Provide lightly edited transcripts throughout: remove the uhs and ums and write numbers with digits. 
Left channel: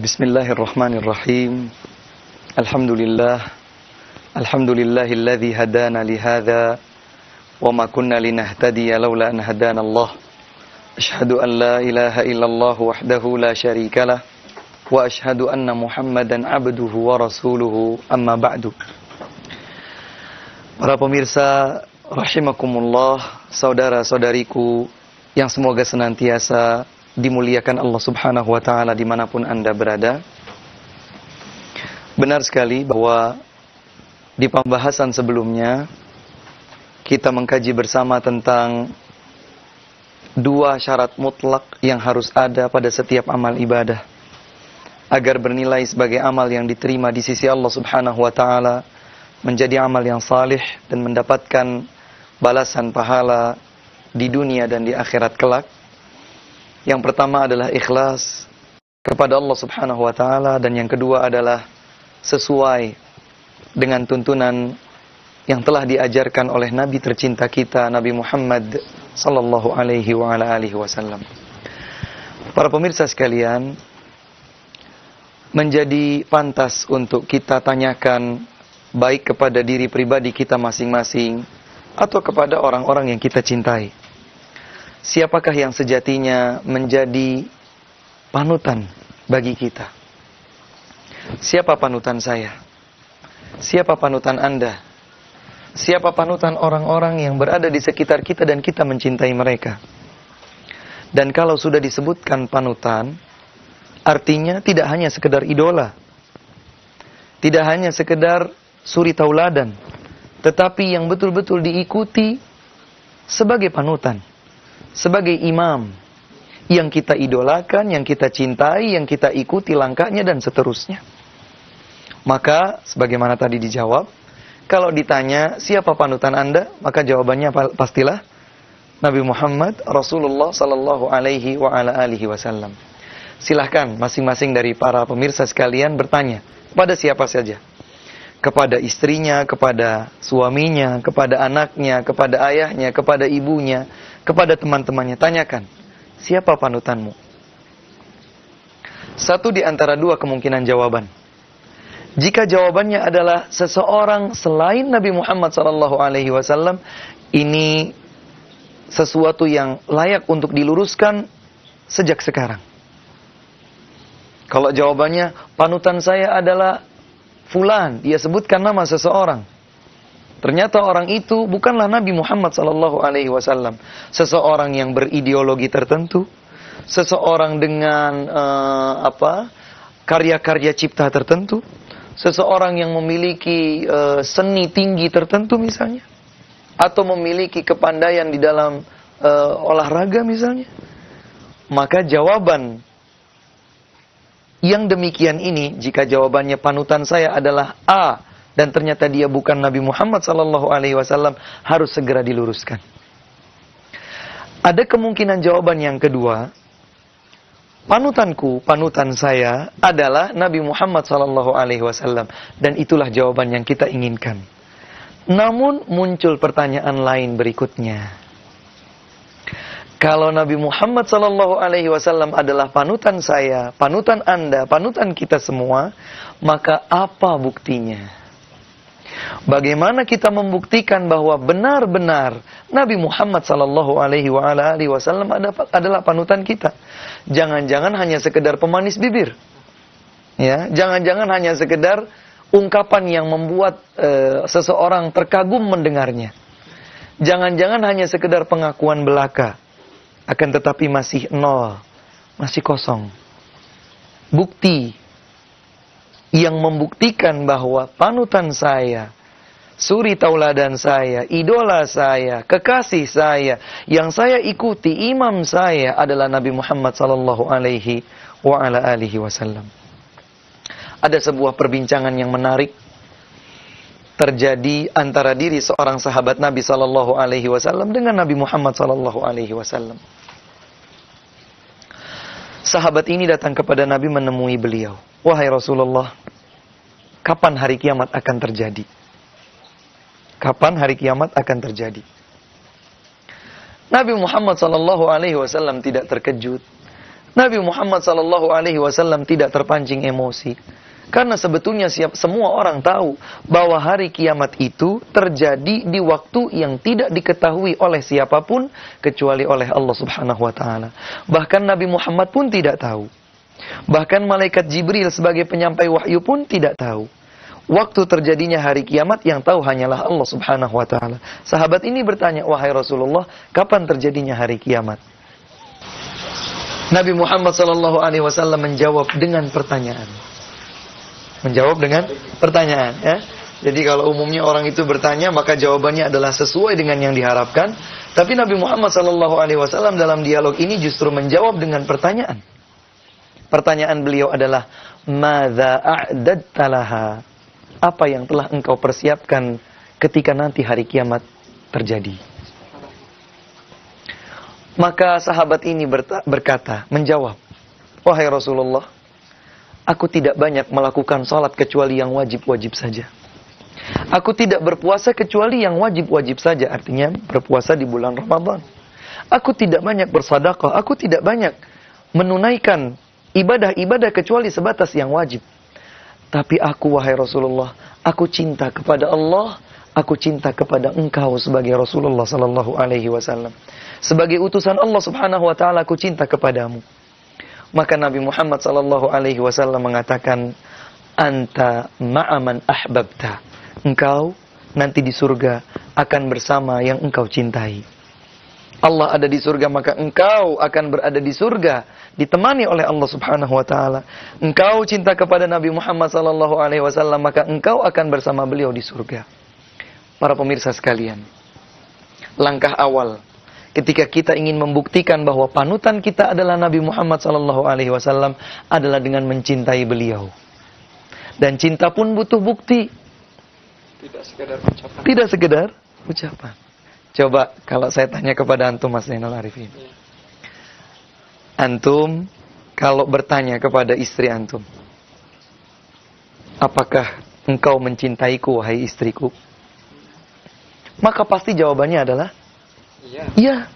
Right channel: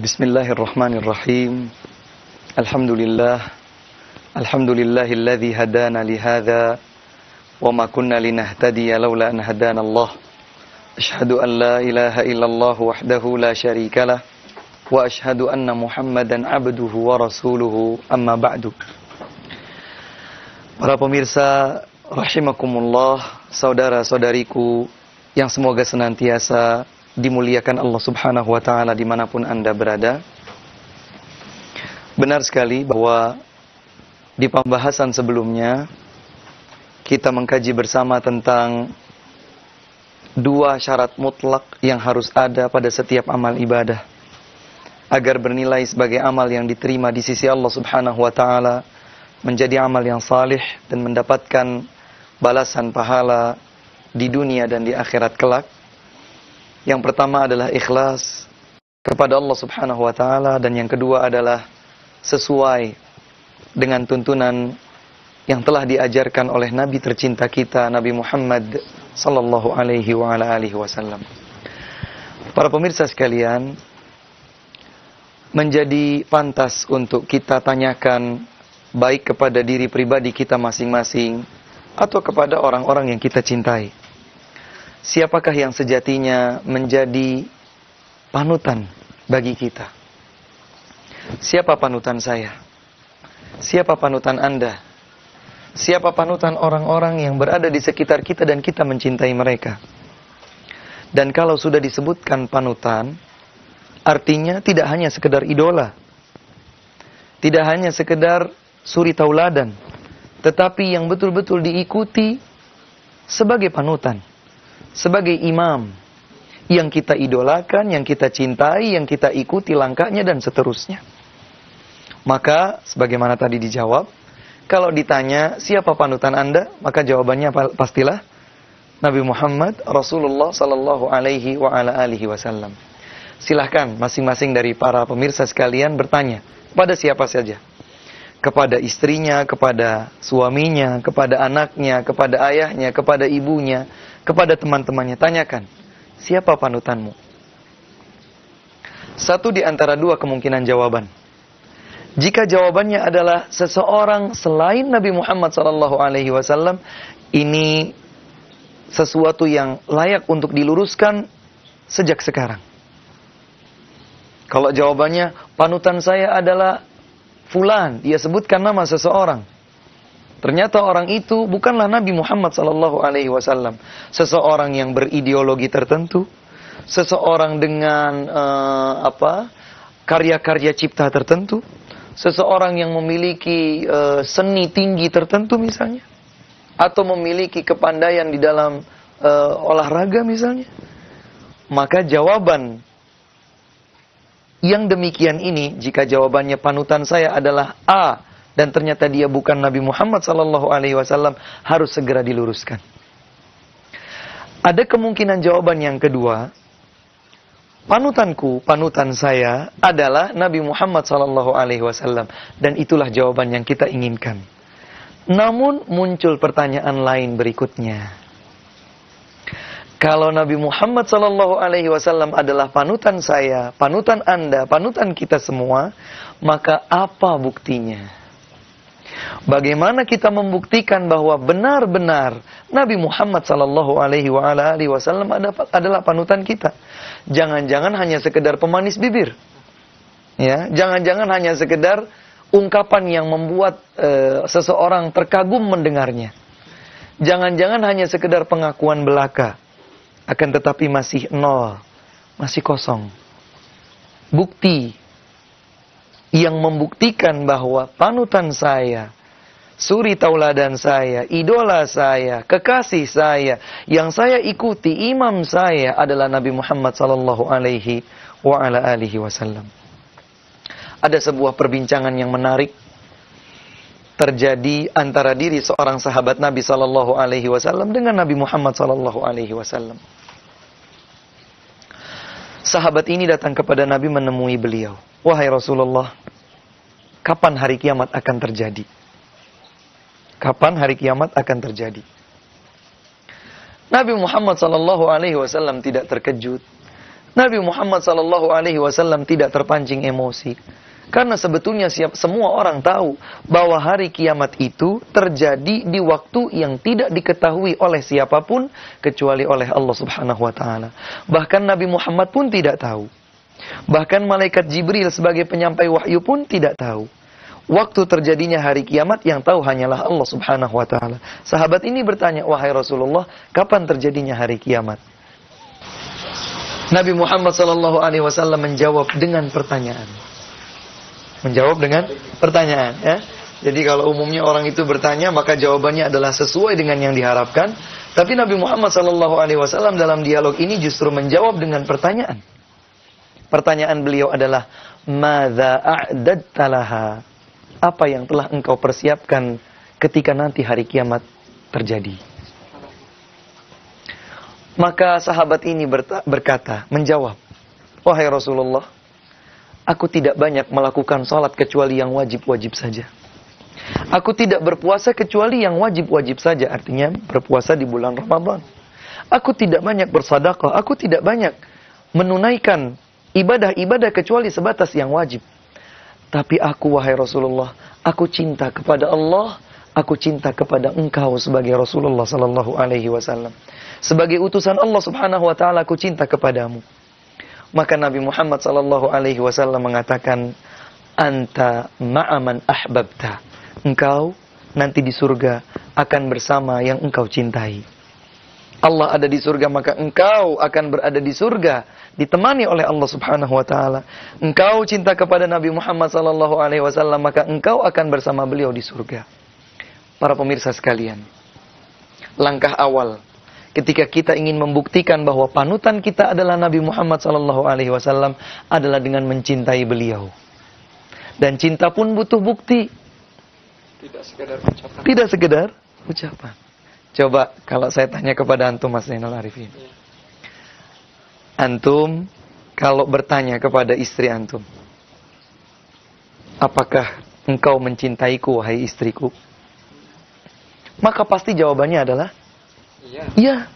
Bismillahirrahmanirrahim. Alhamdulillahilladzi hadana lihadza wa ma kunna linahtadiya laula an hadanallah. Asyhadu an la ilaha illallah wahdahu la syarikalah wa asyhadu anna Muhammadan abduhu wa rasuluhu, amma ba'du. Para pemirsa rahimakumullah, saudara-saudariku yang semoga senantiasa dimuliakan Allah Subhanahu wa ta'ala dimanapun Anda berada. Benar sekali bahwa di pembahasan sebelumnya kita mengkaji bersama tentang dua syarat mutlak yang harus ada pada setiap amal ibadah agar bernilai sebagai amal yang diterima di sisi Allah Subhanahu wa ta'ala, menjadi amal yang salih dan mendapatkan balasan pahala di dunia dan di akhirat kelak. Yang pertama adalah ikhlas kepada Allah Subhanahu wa ta'ala, dan yang kedua adalah sesuai dengan tuntunan yang telah diajarkan oleh Nabi tercinta kita, Nabi Muhammad sallallahu alaihi wa ala alihi wasallam. Para pemirsa sekalian, menjadi pantas untuk kita tanyakan baik kepada diri pribadi kita masing-masing atau kepada orang-orang yang kita cintai. Siapakah yang sejatinya menjadi panutan bagi kita? Siapa panutan saya? Siapa panutan Anda? Siapa panutan orang-orang yang berada di sekitar kita dan kita mencintai mereka? Dan kalau sudah disebutkan panutan, artinya tidak hanya sekedar idola, tidak hanya sekedar suri tauladan, tetapi yang betul-betul diikuti sebagai panutan, sebagai imam yang kita idolakan, yang kita cintai, yang kita ikuti langkahnya dan seterusnya. Maka sebagaimana tadi dijawab, kalau ditanya siapa panutan Anda, maka jawabannya pastilah Nabi Muhammad Rasulullah sallallahu alaihi wa ala alihi wasallam. Silahkan masing-masing dari para pemirsa sekalian bertanya kepada siapa saja. Kepada istrinya, kepada suaminya, kepada anaknya, kepada ayahnya, kepada ibunya, kepada teman-temannya. Tanyakan, siapa panutanmu? Satu di antara dua kemungkinan jawaban. Jika jawabannya adalah seseorang selain Nabi Muhammad SAW, ini sesuatu yang layak untuk diluruskan sejak sekarang. Kalau jawabannya, panutan saya adalah fulan, dia sebutkan nama seseorang. Ternyata orang itu bukanlah Nabi Muhammad SAW. Seseorang yang berideologi tertentu, seseorang dengan karya-karya cipta tertentu, seseorang yang memiliki seni tinggi tertentu misalnya, atau memiliki kepandaian di dalam olahraga misalnya. Maka jawaban yang demikian ini, jika jawabannya panutan saya adalah A dan ternyata dia bukan Nabi Muhammad SAW, harus segera diluruskan. Ada kemungkinan jawaban yang kedua, panutanku, panutan saya adalah Nabi Muhammad SAW, dan itulah jawaban yang kita inginkan. Namun muncul pertanyaan lain berikutnya. Kalau Nabi Muhammad SAW adalah panutan saya, panutan Anda, panutan kita semua, maka apa buktinya? Bagaimana kita membuktikan bahwa benar-benar Nabi Muhammad SAW adalah panutan kita? Jangan-jangan hanya sekedar pemanis bibir, ya? Jangan-jangan hanya sekedar ungkapan yang membuat seseorang terkagum mendengarnya. Jangan-jangan hanya sekedar pengakuan belaka. Akan tetapi masih nol, masih kosong. Bukti yang membuktikan bahwa panutan saya, suri tauladan saya, idola saya, kekasih saya, yang saya ikuti, imam saya adalah Nabi Muhammad sallallahu alaihi wa ala alihi wasallam. Ada sebuah perbincangan yang menarik terjadi antara diri seorang sahabat Nabi sallallahu alaihi wasallam dengan Nabi Muhammad sallallahu alaihi wasallam. Sahabat ini datang kepada Nabi menemui beliau. Wahai Rasulullah, kapan hari kiamat akan terjadi? Kapan hari kiamat akan terjadi? Nabi Muhammad SAW tidak terkejut. Nabi Muhammad SAW tidak terpancing emosi. Karena sebetulnya semua orang tahu bahwa hari kiamat itu terjadi di waktu yang tidak diketahui oleh siapapun kecuali oleh Allah Subhanahu wa taala. Bahkan Nabi Muhammad pun tidak tahu. Bahkan malaikat Jibril sebagai penyampai wahyu pun tidak tahu. Waktu terjadinya hari kiamat yang tahu hanyalah Allah Subhanahu wa taala. Sahabat ini bertanya, "Wahai Rasulullah, kapan terjadinya hari kiamat?" Nabi Muhammad SAW menjawab dengan pertanyaan. Menjawab dengan pertanyaan, ya. Jadi kalau umumnya orang itu bertanya, maka jawabannya adalah sesuai dengan yang diharapkan. Tapi Nabi Muhammad SAW dalam dialog ini justru menjawab dengan pertanyaan. Pertanyaan beliau adalah, "Madza a'dadta laha?" Apa yang telah engkau persiapkan ketika nanti hari kiamat terjadi? Maka sahabat ini berkata, menjawab, "Wahai Rasulullah, aku tidak banyak melakukan salat kecuali yang wajib-wajib saja. Aku tidak berpuasa kecuali yang wajib-wajib saja." Artinya berpuasa di bulan Ramadan. "Aku tidak banyak bersedekah, aku tidak banyak menunaikan ibadah-ibadah kecuali sebatas yang wajib. Tapi aku, wahai Rasulullah, aku cinta kepada Allah, aku cinta kepada engkau sebagai Rasulullah sallallahu alaihi wasallam. Sebagai utusan Allah Subhanahu wa taala, aku cinta kepadamu." Maka Nabi Muhammad sallallahu alaihi wasallam mengatakan, "Anta ma'aman ahbabta." Engkau nanti di surga akan bersama yang engkau cintai. Allah ada di surga, maka engkau akan berada di surga, ditemani oleh Allah Subhanahu wa taala. Engkau cinta kepada Nabi Muhammad sallallahu alaihi wasallam, maka engkau akan bersama beliau di surga. Para pemirsa sekalian, langkah awal ketika kita ingin membuktikan bahwa panutan kita adalah Nabi Muhammad sallallahu alaihi wasallam adalah dengan mencintai beliau. Dan cinta pun butuh bukti. Tidak sekedar ucapan. Tidak sekedar ucapan. Coba kalau saya tanya kepada antum, Mas Zainal Arifin. Antum kalau bertanya kepada istri antum, "Apakah engkau mencintaiku, wahai istriku?" Maka pasti jawabannya adalah iya.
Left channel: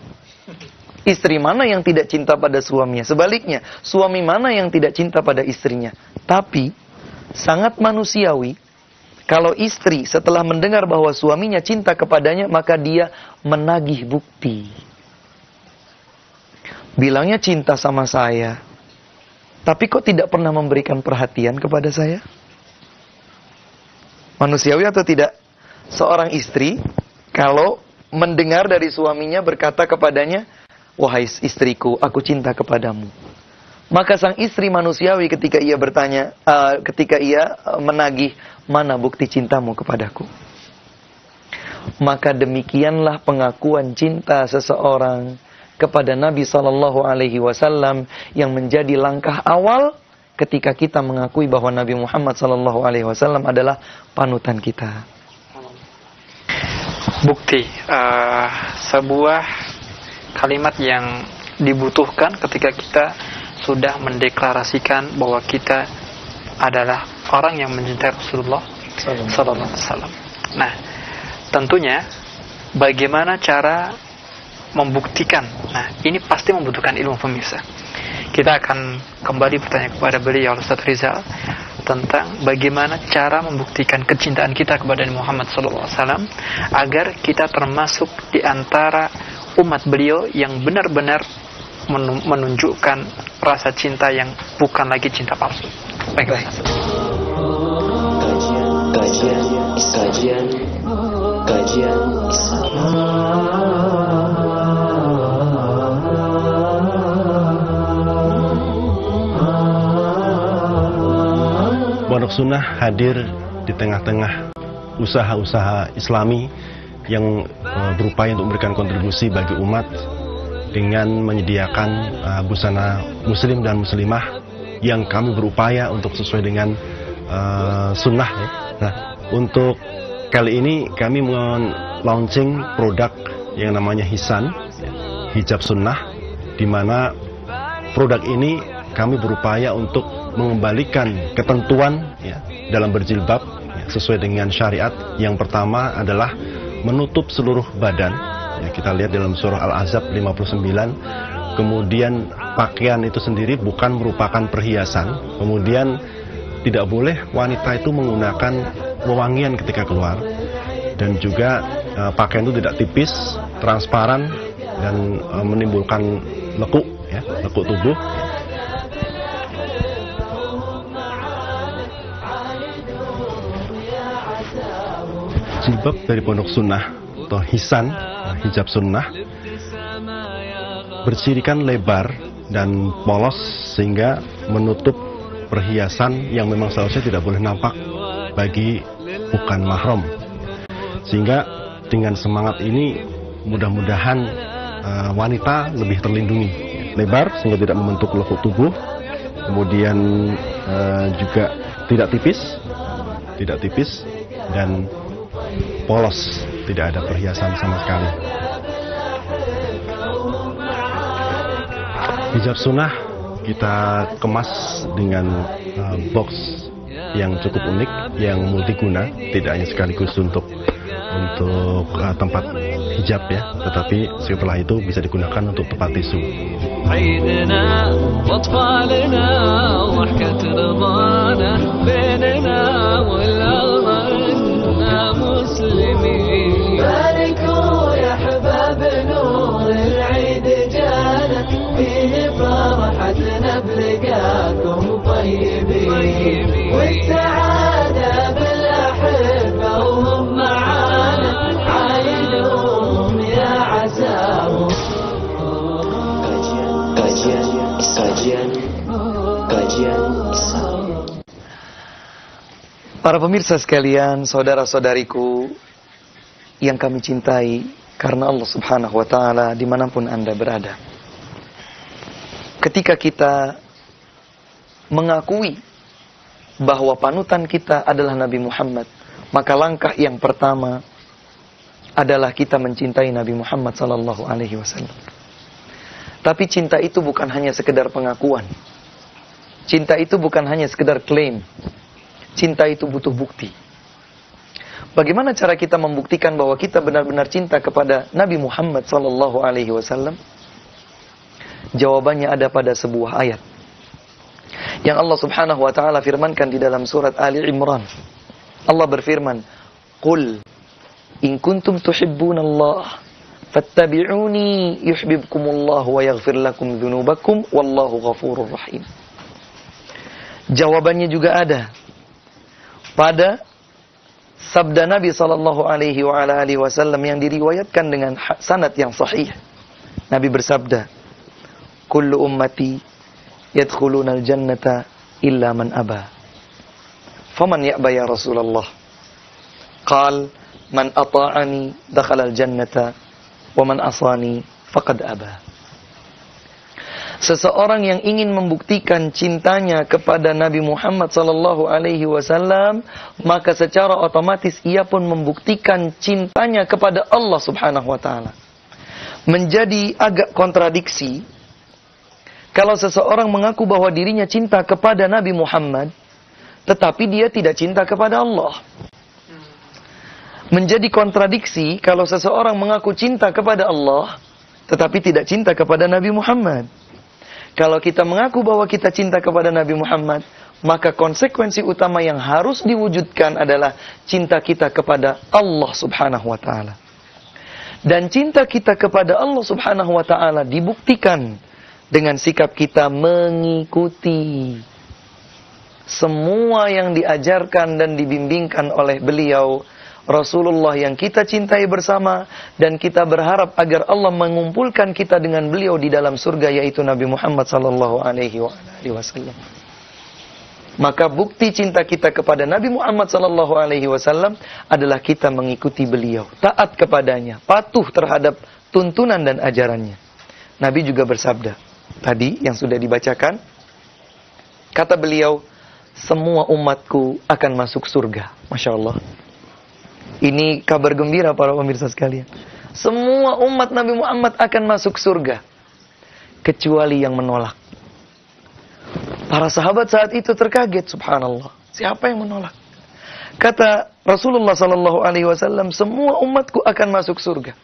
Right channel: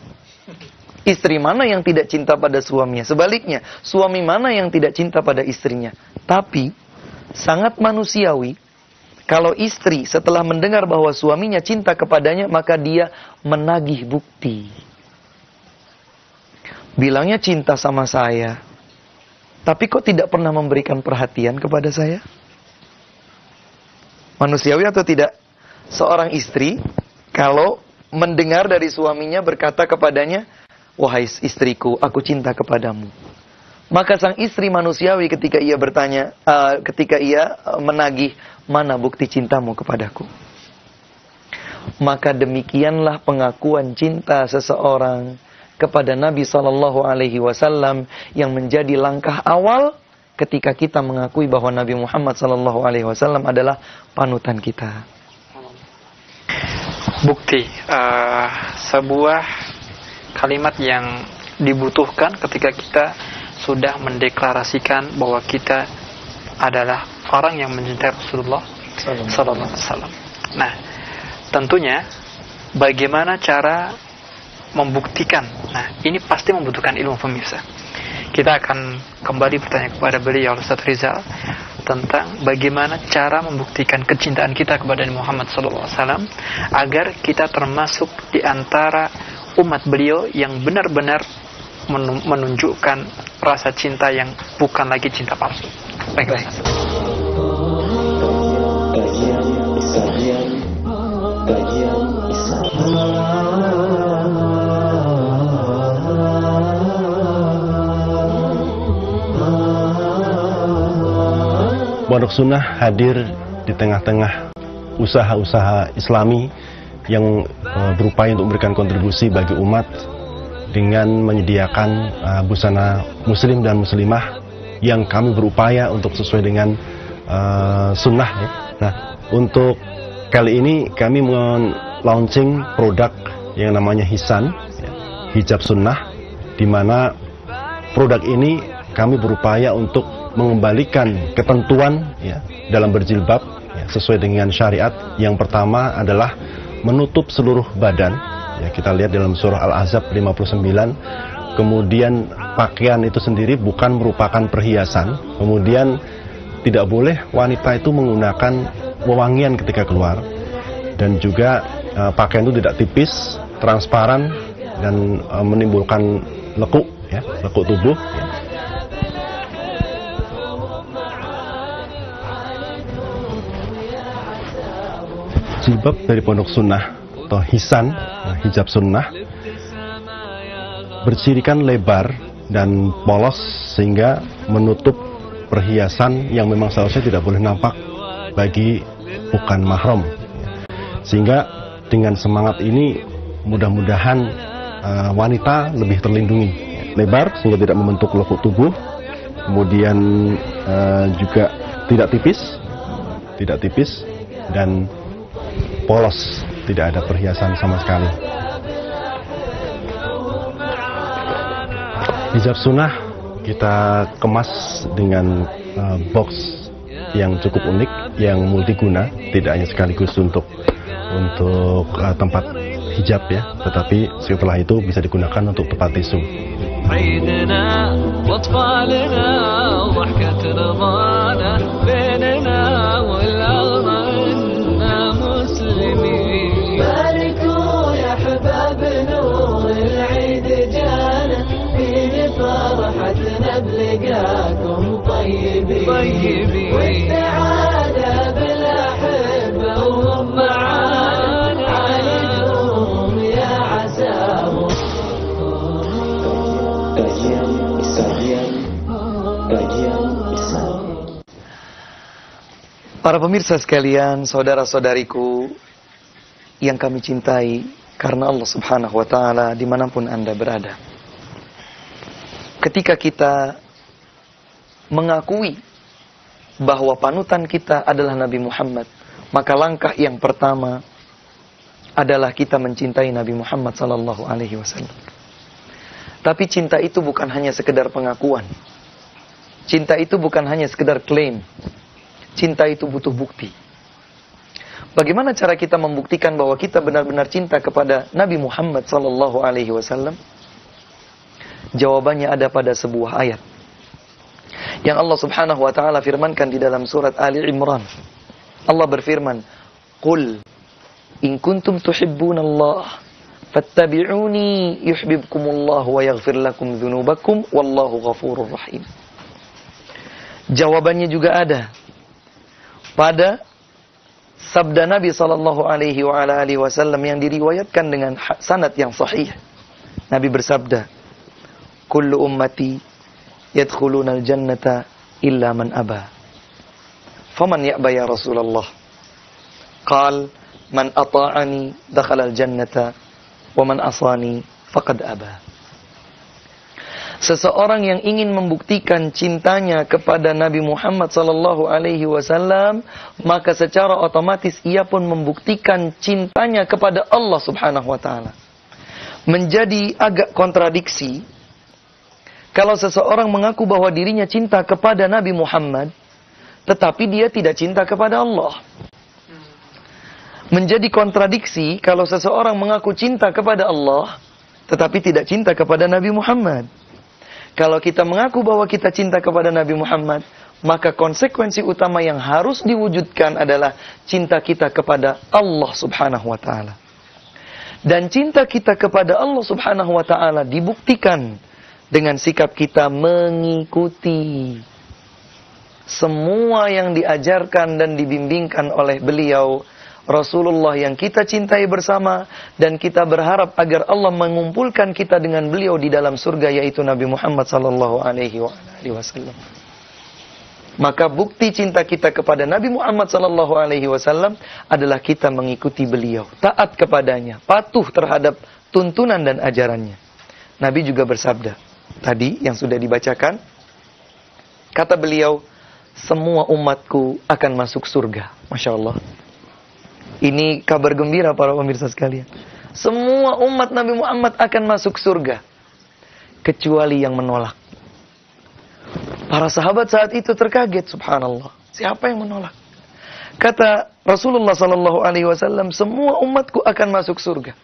Istri mana yang tidak cinta pada suaminya? Sebaliknya, suami mana yang tidak cinta pada istrinya? Tapi sangat manusiawi kalau istri setelah mendengar bahwa suaminya cinta kepadanya, maka dia menagih bukti. Bilangnya cinta sama saya, tapi kok tidak pernah memberikan perhatian kepada saya? Manusiawi atau tidak? Seorang istri kalau mendengar dari suaminya berkata kepadanya, "Wahai istriku, aku cinta kepadamu." Maka sang istri manusiawi ketika ia bertanya, ketika ia menagih, "Mana bukti cintamu kepadaku?" Maka demikianlah pengakuan cinta seseorang kepada Nabi Sallallahu Alaihi Wasallam yang menjadi langkah awal ketika kita mengakui bahwa Nabi Muhammad Sallallahu Alaihi Wasallam adalah panutan kita. Bukti, sebuah kalimat yang dibutuhkan ketika kita sudah mendeklarasikan bahwa kita adalah orang yang mencintai Rasulullah Sallallahu Alaihi Wasallam. Nah, tentunya bagaimana cara membuktikan? Nah, ini pasti membutuhkan ilmu, pemirsa. Kita akan kembali bertanya kepada beliau Ustaz Rizal tentang bagaimana cara membuktikan kecintaan kita kepada Muhammad Sallallahu Alaihi Wasallam agar kita termasuk di antara umat beliau yang benar-benar menunjukkan rasa cinta yang bukan lagi cinta palsu. Baiklah. Kajian Islam. Pondok Sunnah hadir di tengah-tengah usaha-usaha Islami yang berupaya untuk memberikan kontribusi bagi umat dengan menyediakan busana muslim dan muslimah yang kami berupaya untuk sesuai dengan sunnah ya. Nah, untuk kali ini kami launching produk yang namanya Hisan, hijab sunnah, di mana produk ini kami berupaya untuk mengembalikan ketentuan ya, dalam berjilbab ya, sesuai dengan syariat. Yang pertama adalah menutup seluruh badan. Ya, kita lihat dalam surah Al-Ahzab 59, kemudian pakaian itu sendiri bukan merupakan perhiasan, kemudian tidak boleh wanita itu menggunakan wewangian ketika keluar, dan juga pakaian itu tidak tipis, transparan, dan menimbulkan lekuk, ya, lekuk tubuh. Jilbab dari Pondok Sunnah atau hisan, hijab sunnah, bercirikan lebar dan polos sehingga menutup perhiasan yang memang seharusnya tidak boleh nampak bagi bukan mahram. Sehingga dengan semangat ini mudah-mudahan wanita lebih terlindungi. Lebar sehingga tidak membentuk lekuk tubuh, kemudian juga tidak tipis dan polos, tidak ada perhiasan sama sekali. Hijab sunnah kita kemas dengan box yang cukup unik, yang multiguna, tidak hanya sekaligus untuk tempat hijab ya, tetapi setelah itu bisa digunakan untuk tempat tisu. عيدنا واطفالنا وضحكة رضانا بيننا والأغنى مسلمين باركوا يا حباب نور العيد جانا فيه فرحتنا بلقاكم طيبين والسعادة بالأحبة وهم معانا يا عساهم. Kajian Islam. Para pemirsa sekalian, saudara-saudariku yang kami cintai karena Allah Subhanahu wa Ta'ala, dimanapun Anda berada. Ketika kita mengakui bahwa panutan kita adalah Nabi Muhammad, maka langkah yang pertama adalah kita mencintai Nabi Muhammad sallallahu alaihi wasallam. Tapi cinta itu bukan hanya sekedar pengakuan. Cinta itu bukan hanya sekedar klaim. Cinta itu butuh bukti. Bagaimana cara kita membuktikan bahwa kita benar-benar cinta kepada Nabi Muhammad sallallahu alaihi wasallam? Jawabannya ada pada sebuah ayat yang Allah Subhanahu wa Ta'ala firmankan di dalam surat Ali Imran. Allah berfirman, "Qul in kuntum tuhibbunallah fattabi'uni yuhibbukumullah wa yaghfir lakum dzunubakum wallahu ghafurur rahim." Jawabannya juga ada pada sabda Nabi sallallahu alaihi wasallam yang diriwayatkan dengan sanad yang sahih. Nabi bersabda, "Kullu ummati yadkhuluna al-jannata illa man aba." Faman ya'ba ya Rasulullah? Qal, "Man ata'ani dakhala al-jannata wa man asani faqad aba." Seseorang yang ingin membuktikan cintanya kepada Nabi Muhammad sallallahu alaihi wasallam, maka secara otomatis ia pun membuktikan cintanya kepada Allah Subhanahu wa Ta'ala. Menjadi agak kontradiksi kalau seseorang mengaku bahwa dirinya cinta kepada Nabi Muhammad, tetapi dia tidak cinta kepada Allah. Menjadi kontradiksi kalau seseorang mengaku cinta kepada Allah, tetapi tidak cinta kepada Nabi Muhammad. Kalau kita mengaku bahwa kita cinta kepada Nabi Muhammad, maka konsekuensi utama yang harus diwujudkan adalah cinta kita kepada Allah Subhanahu wa Ta'ala. Dan cinta kita kepada Allah Subhanahu wa Ta'ala dibuktikan dengan sikap kita mengikuti semua yang diajarkan dan dibimbingkan oleh beliau, Rasulullah yang kita cintai bersama, dan kita berharap agar Allah mengumpulkan kita dengan beliau di dalam surga, yaitu Nabi Muhammad sallallahu alaihi wasallam. Maka bukti cinta kita kepada Nabi Muhammad sallallahu alaihi wasallam adalah kita mengikuti beliau, taat kepadanya, patuh terhadap tuntunan dan ajarannya. Nabi juga bersabda, tadi yang sudah dibacakan, kata beliau, semua umatku akan masuk surga. Masya Allah. Ini kabar gembira para pemirsa sekalian. Semua umat Nabi Muhammad akan masuk surga, kecuali yang menolak. Para sahabat saat itu terkaget, subhanallah. Siapa yang menolak? Kata Rasulullah sallallahu alaihi wasallam, semua umatku akan masuk surga,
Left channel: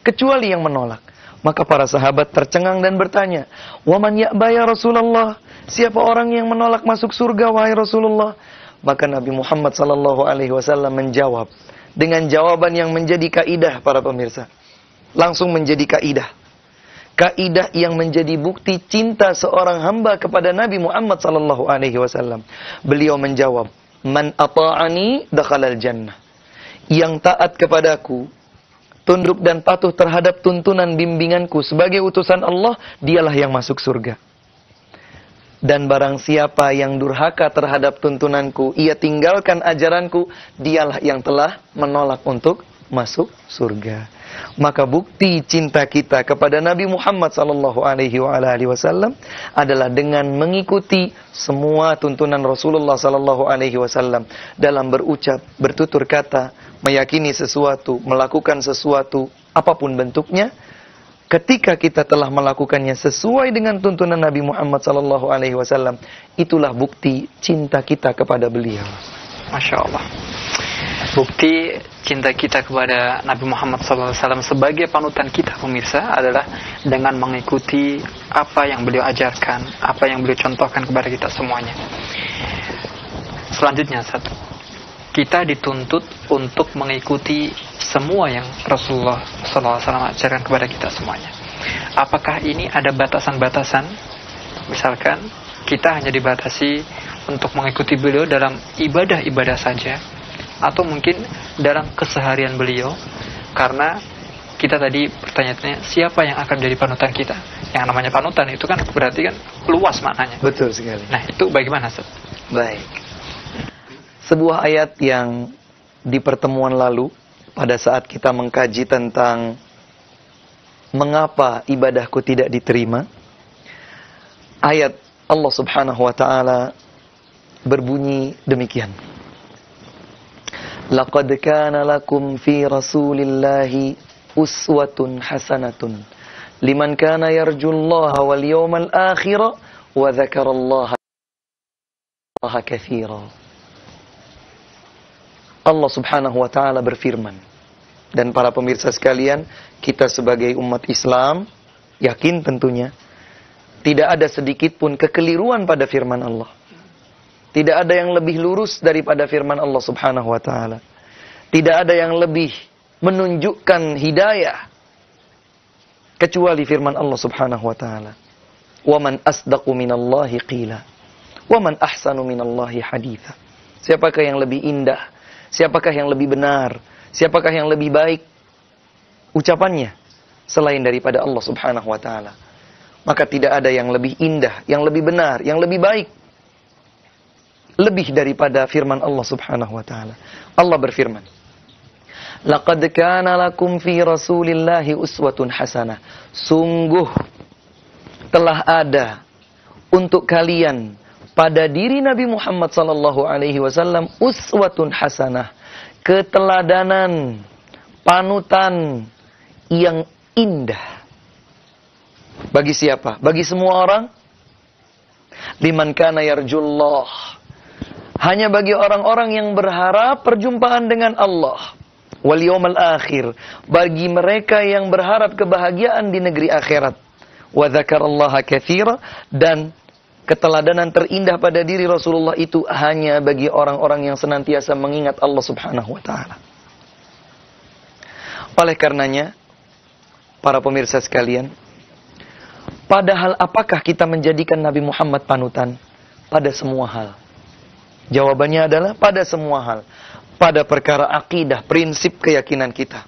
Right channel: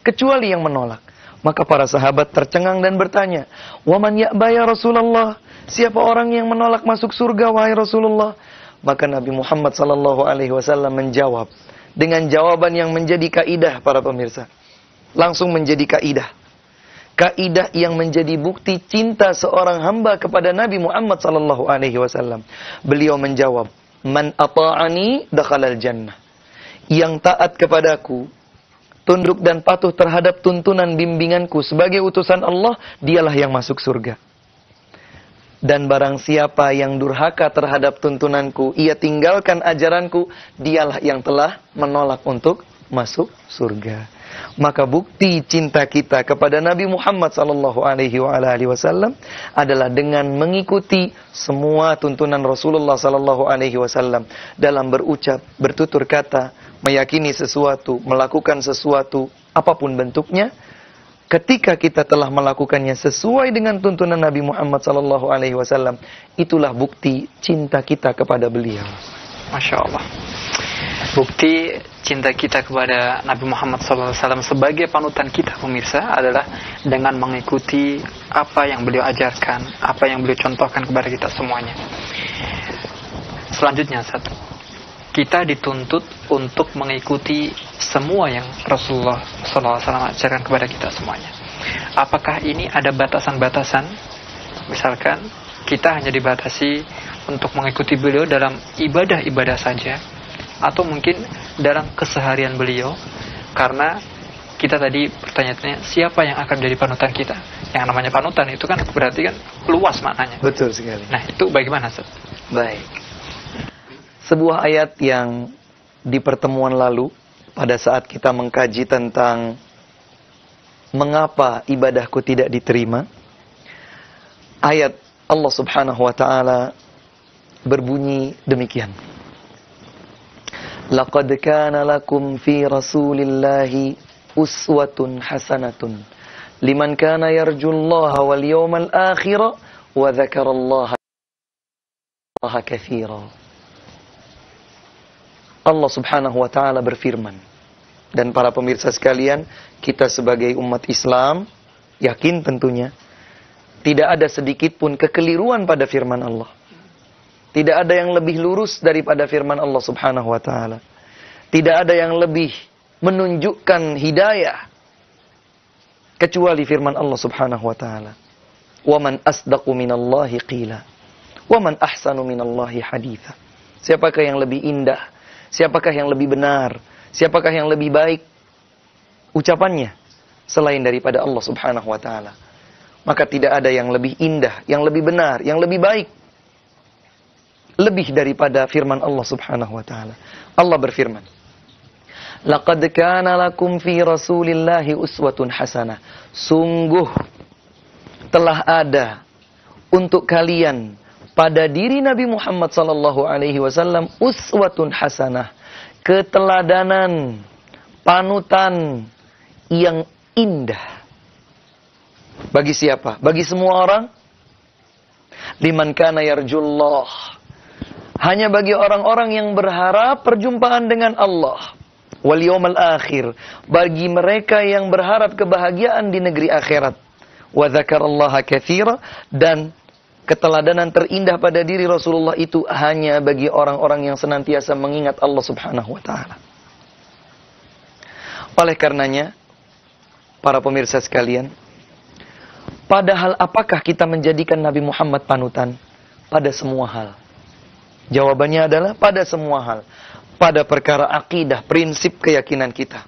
kecuali yang menolak. Maka para sahabat tercengang dan bertanya, "Waman ya'ba ya Rasulullah?" Siapa orang yang menolak masuk surga wahai Rasulullah? Maka Nabi Muhammad sallallahu alaihi wasallam menjawab dengan jawaban yang menjadi kaidah para pemirsa. Langsung menjadi kaidah. Kaidah yang menjadi bukti cinta seorang hamba kepada Nabi Muhammad sallallahu alaihi wasallam. Beliau menjawab, "Man ata'ani dakhalal jannah." Yang taat kepadaku, tunduk dan patuh terhadap tuntunan bimbinganku sebagai utusan Allah, dialah yang masuk surga. Dan barang siapa yang durhaka terhadap tuntunanku, ia tinggalkan ajaranku, dialah yang telah menolak untuk masuk surga. Maka bukti cinta kita kepada Nabi Muhammad sallallahu alaihi wasallam adalah dengan mengikuti semua tuntunan Rasulullah sallallahu alaihi wasallam dalam berucap, bertutur kata, meyakini sesuatu, melakukan sesuatu, apapun bentuknya. Ketika kita telah melakukannya sesuai dengan tuntunan Nabi Muhammad sallallahu alaihi wasallam, itulah bukti cinta kita kepada beliau. Masya Allah. Bukti cinta kita kepada Nabi Muhammad SAW sebagai panutan kita, pemirsa, adalah dengan mengikuti apa yang beliau ajarkan, apa yang beliau contohkan kepada kita semuanya. Selanjutnya, kita dituntut untuk mengikuti semua yang Rasulullah SAW ajarkan kepada kita semuanya. Apakah ini ada batasan-batasan? Misalkan kita hanya dibatasi untuk mengikuti beliau dalam ibadah-ibadah saja, atau mungkin dalam keseharian beliau, karena kita tadi pertanyaannya siapa yang akan menjadi panutan kita. Yang namanya panutan itu kan berarti kan luas maknanya. Betul sekali. Nah, itu bagaimana, Ustaz? Baik. Sebuah ayat yang di pertemuan lalu pada saat kita mengkaji tentang mengapa ibadahku tidak diterima, ayat Allah Subhanahu wa taala berbunyi demikian. Laqad kana lakum fi Rasulillahi uswatun hasanatun liman kana yarjullaha wal yawmal akhir wa dzakarallaha katsiran. Allah Subhanahu wa taala berfirman, dan para pemirsa sekalian, kita sebagai umat Islam yakin tentunya tidak ada sedikit pun kekeliruan pada firman Allah. Tidak ada yang lebih lurus daripada firman Allah Subhanahu wa taala. Tidak ada yang lebih menunjukkan hidayah kecuali firman Allah Subhanahu wa taala. Wa man asdaqu minallahi qila wa man ahsanu minallahi haditha. Siapakah yang lebih indah? Siapakah yang lebih benar? Siapakah yang lebih baik ucapannya selain daripada Allah Subhanahu wa taala? Maka tidak ada yang lebih indah, yang lebih benar, yang lebih baik, lebih daripada firman Allah Subhanahu wa taala. Allah berfirman, "Laqad kana lakum fi Rasulillahi uswatun hasanah." Sungguh telah ada untuk kalian pada diri Nabi Muhammad sallallahu alaihi wasallam uswatun hasanah, keteladanan, panutan yang indah. Bagi siapa? Bagi semua orang? Liman kana yarjullah. Hanya bagi orang-orang yang berharap perjumpaan dengan Allah. Wal yawmal akhir. Bagi mereka yang berharap kebahagiaan di negeri akhirat. Wa dzakarallaha katsira, dan keteladanan terindah pada diri Rasulullah itu hanya bagi orang-orang yang senantiasa mengingat Allah Subhanahu wa taala. Oleh karenanya, para pemirsa sekalian, padahal apakah kita menjadikan Nabi Muhammad panutan? Pada semua hal. Jawabannya adalah pada semua hal. Pada perkara akidah, prinsip keyakinan kita.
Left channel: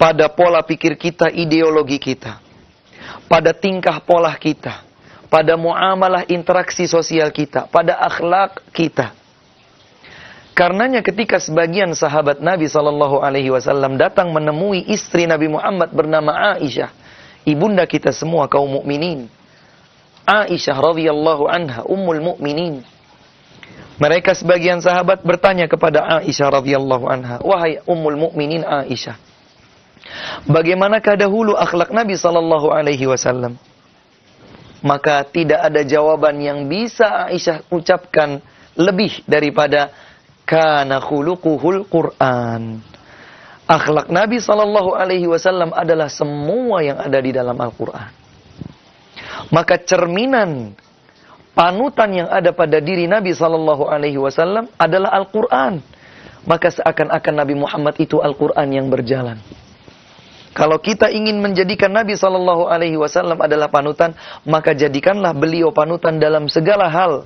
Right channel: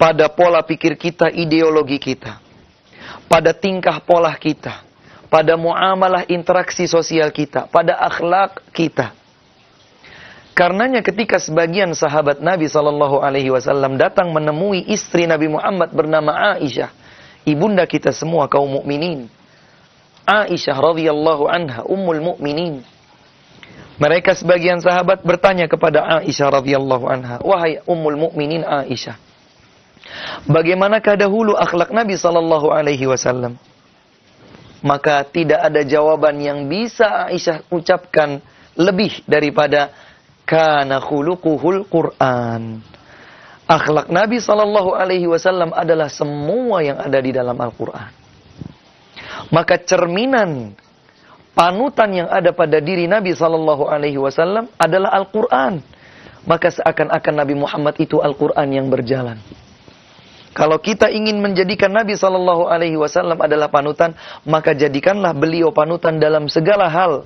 Pada pola pikir kita, ideologi kita. Pada tingkah pola kita. Pada muamalah interaksi sosial kita, pada akhlak kita. Karenanya ketika sebagian sahabat Nabi SAW datang menemui istri Nabi Muhammad bernama Aisyah, ibunda kita semua kaum mukminin, Aisyah radhiyallahu anha, ummul mukminin. Mereka sebagian sahabat bertanya kepada Aisyah radhiyallahu anha, "Wahai ummul mukminin Aisyah, bagaimanakah dahulu akhlak Nabi SAW?" Maka tidak ada jawaban yang bisa Aisyah ucapkan lebih daripada kana khuluquhul Quran. Akhlak Nabi Sallallahu Alaihi Wasallam adalah semua yang ada di dalam Al-Quran. Maka cerminan panutan yang ada pada diri Nabi Sallallahu Alaihi Wasallam adalah Al-Quran. Maka seakan-akan Nabi Muhammad itu Al-Quran yang berjalan. Kalau kita ingin menjadikan Nabi Sallallahu Alaihi Wasallam adalah panutan, maka jadikanlah beliau panutan dalam segala hal.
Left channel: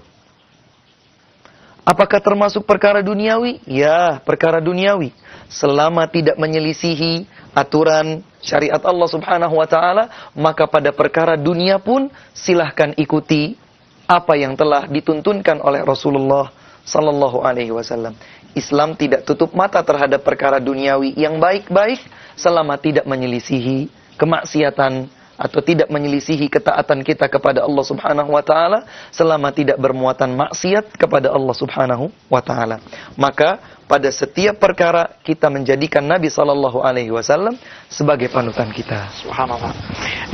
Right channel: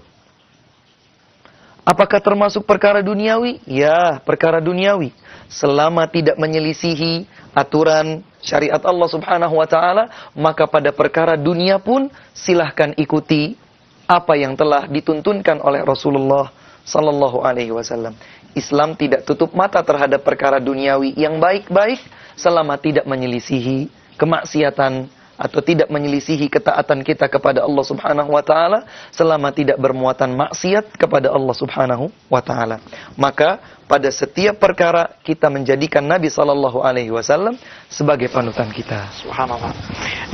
Apakah termasuk perkara duniawi? Ya, perkara duniawi. Selama tidak menyelisihi aturan syariat Allah Subhanahu wa Ta'ala, maka pada perkara dunia pun silahkan ikuti apa yang telah dituntunkan oleh Rasulullah Sallallahu Alaihi Wasallam. Islam tidak tutup mata terhadap perkara duniawi yang baik-baik selama tidak menyelisihi kemaksiatan atau tidak menyelisihi ketaatan kita kepada Allah Subhanahu wa Ta'ala, selama tidak bermuatan maksiat kepada Allah Subhanahu wa Ta'ala. Maka pada setiap perkara kita menjadikan Nabi Sallallahu Alaihi Wasallam sebagai panutan kita. Subhanallah.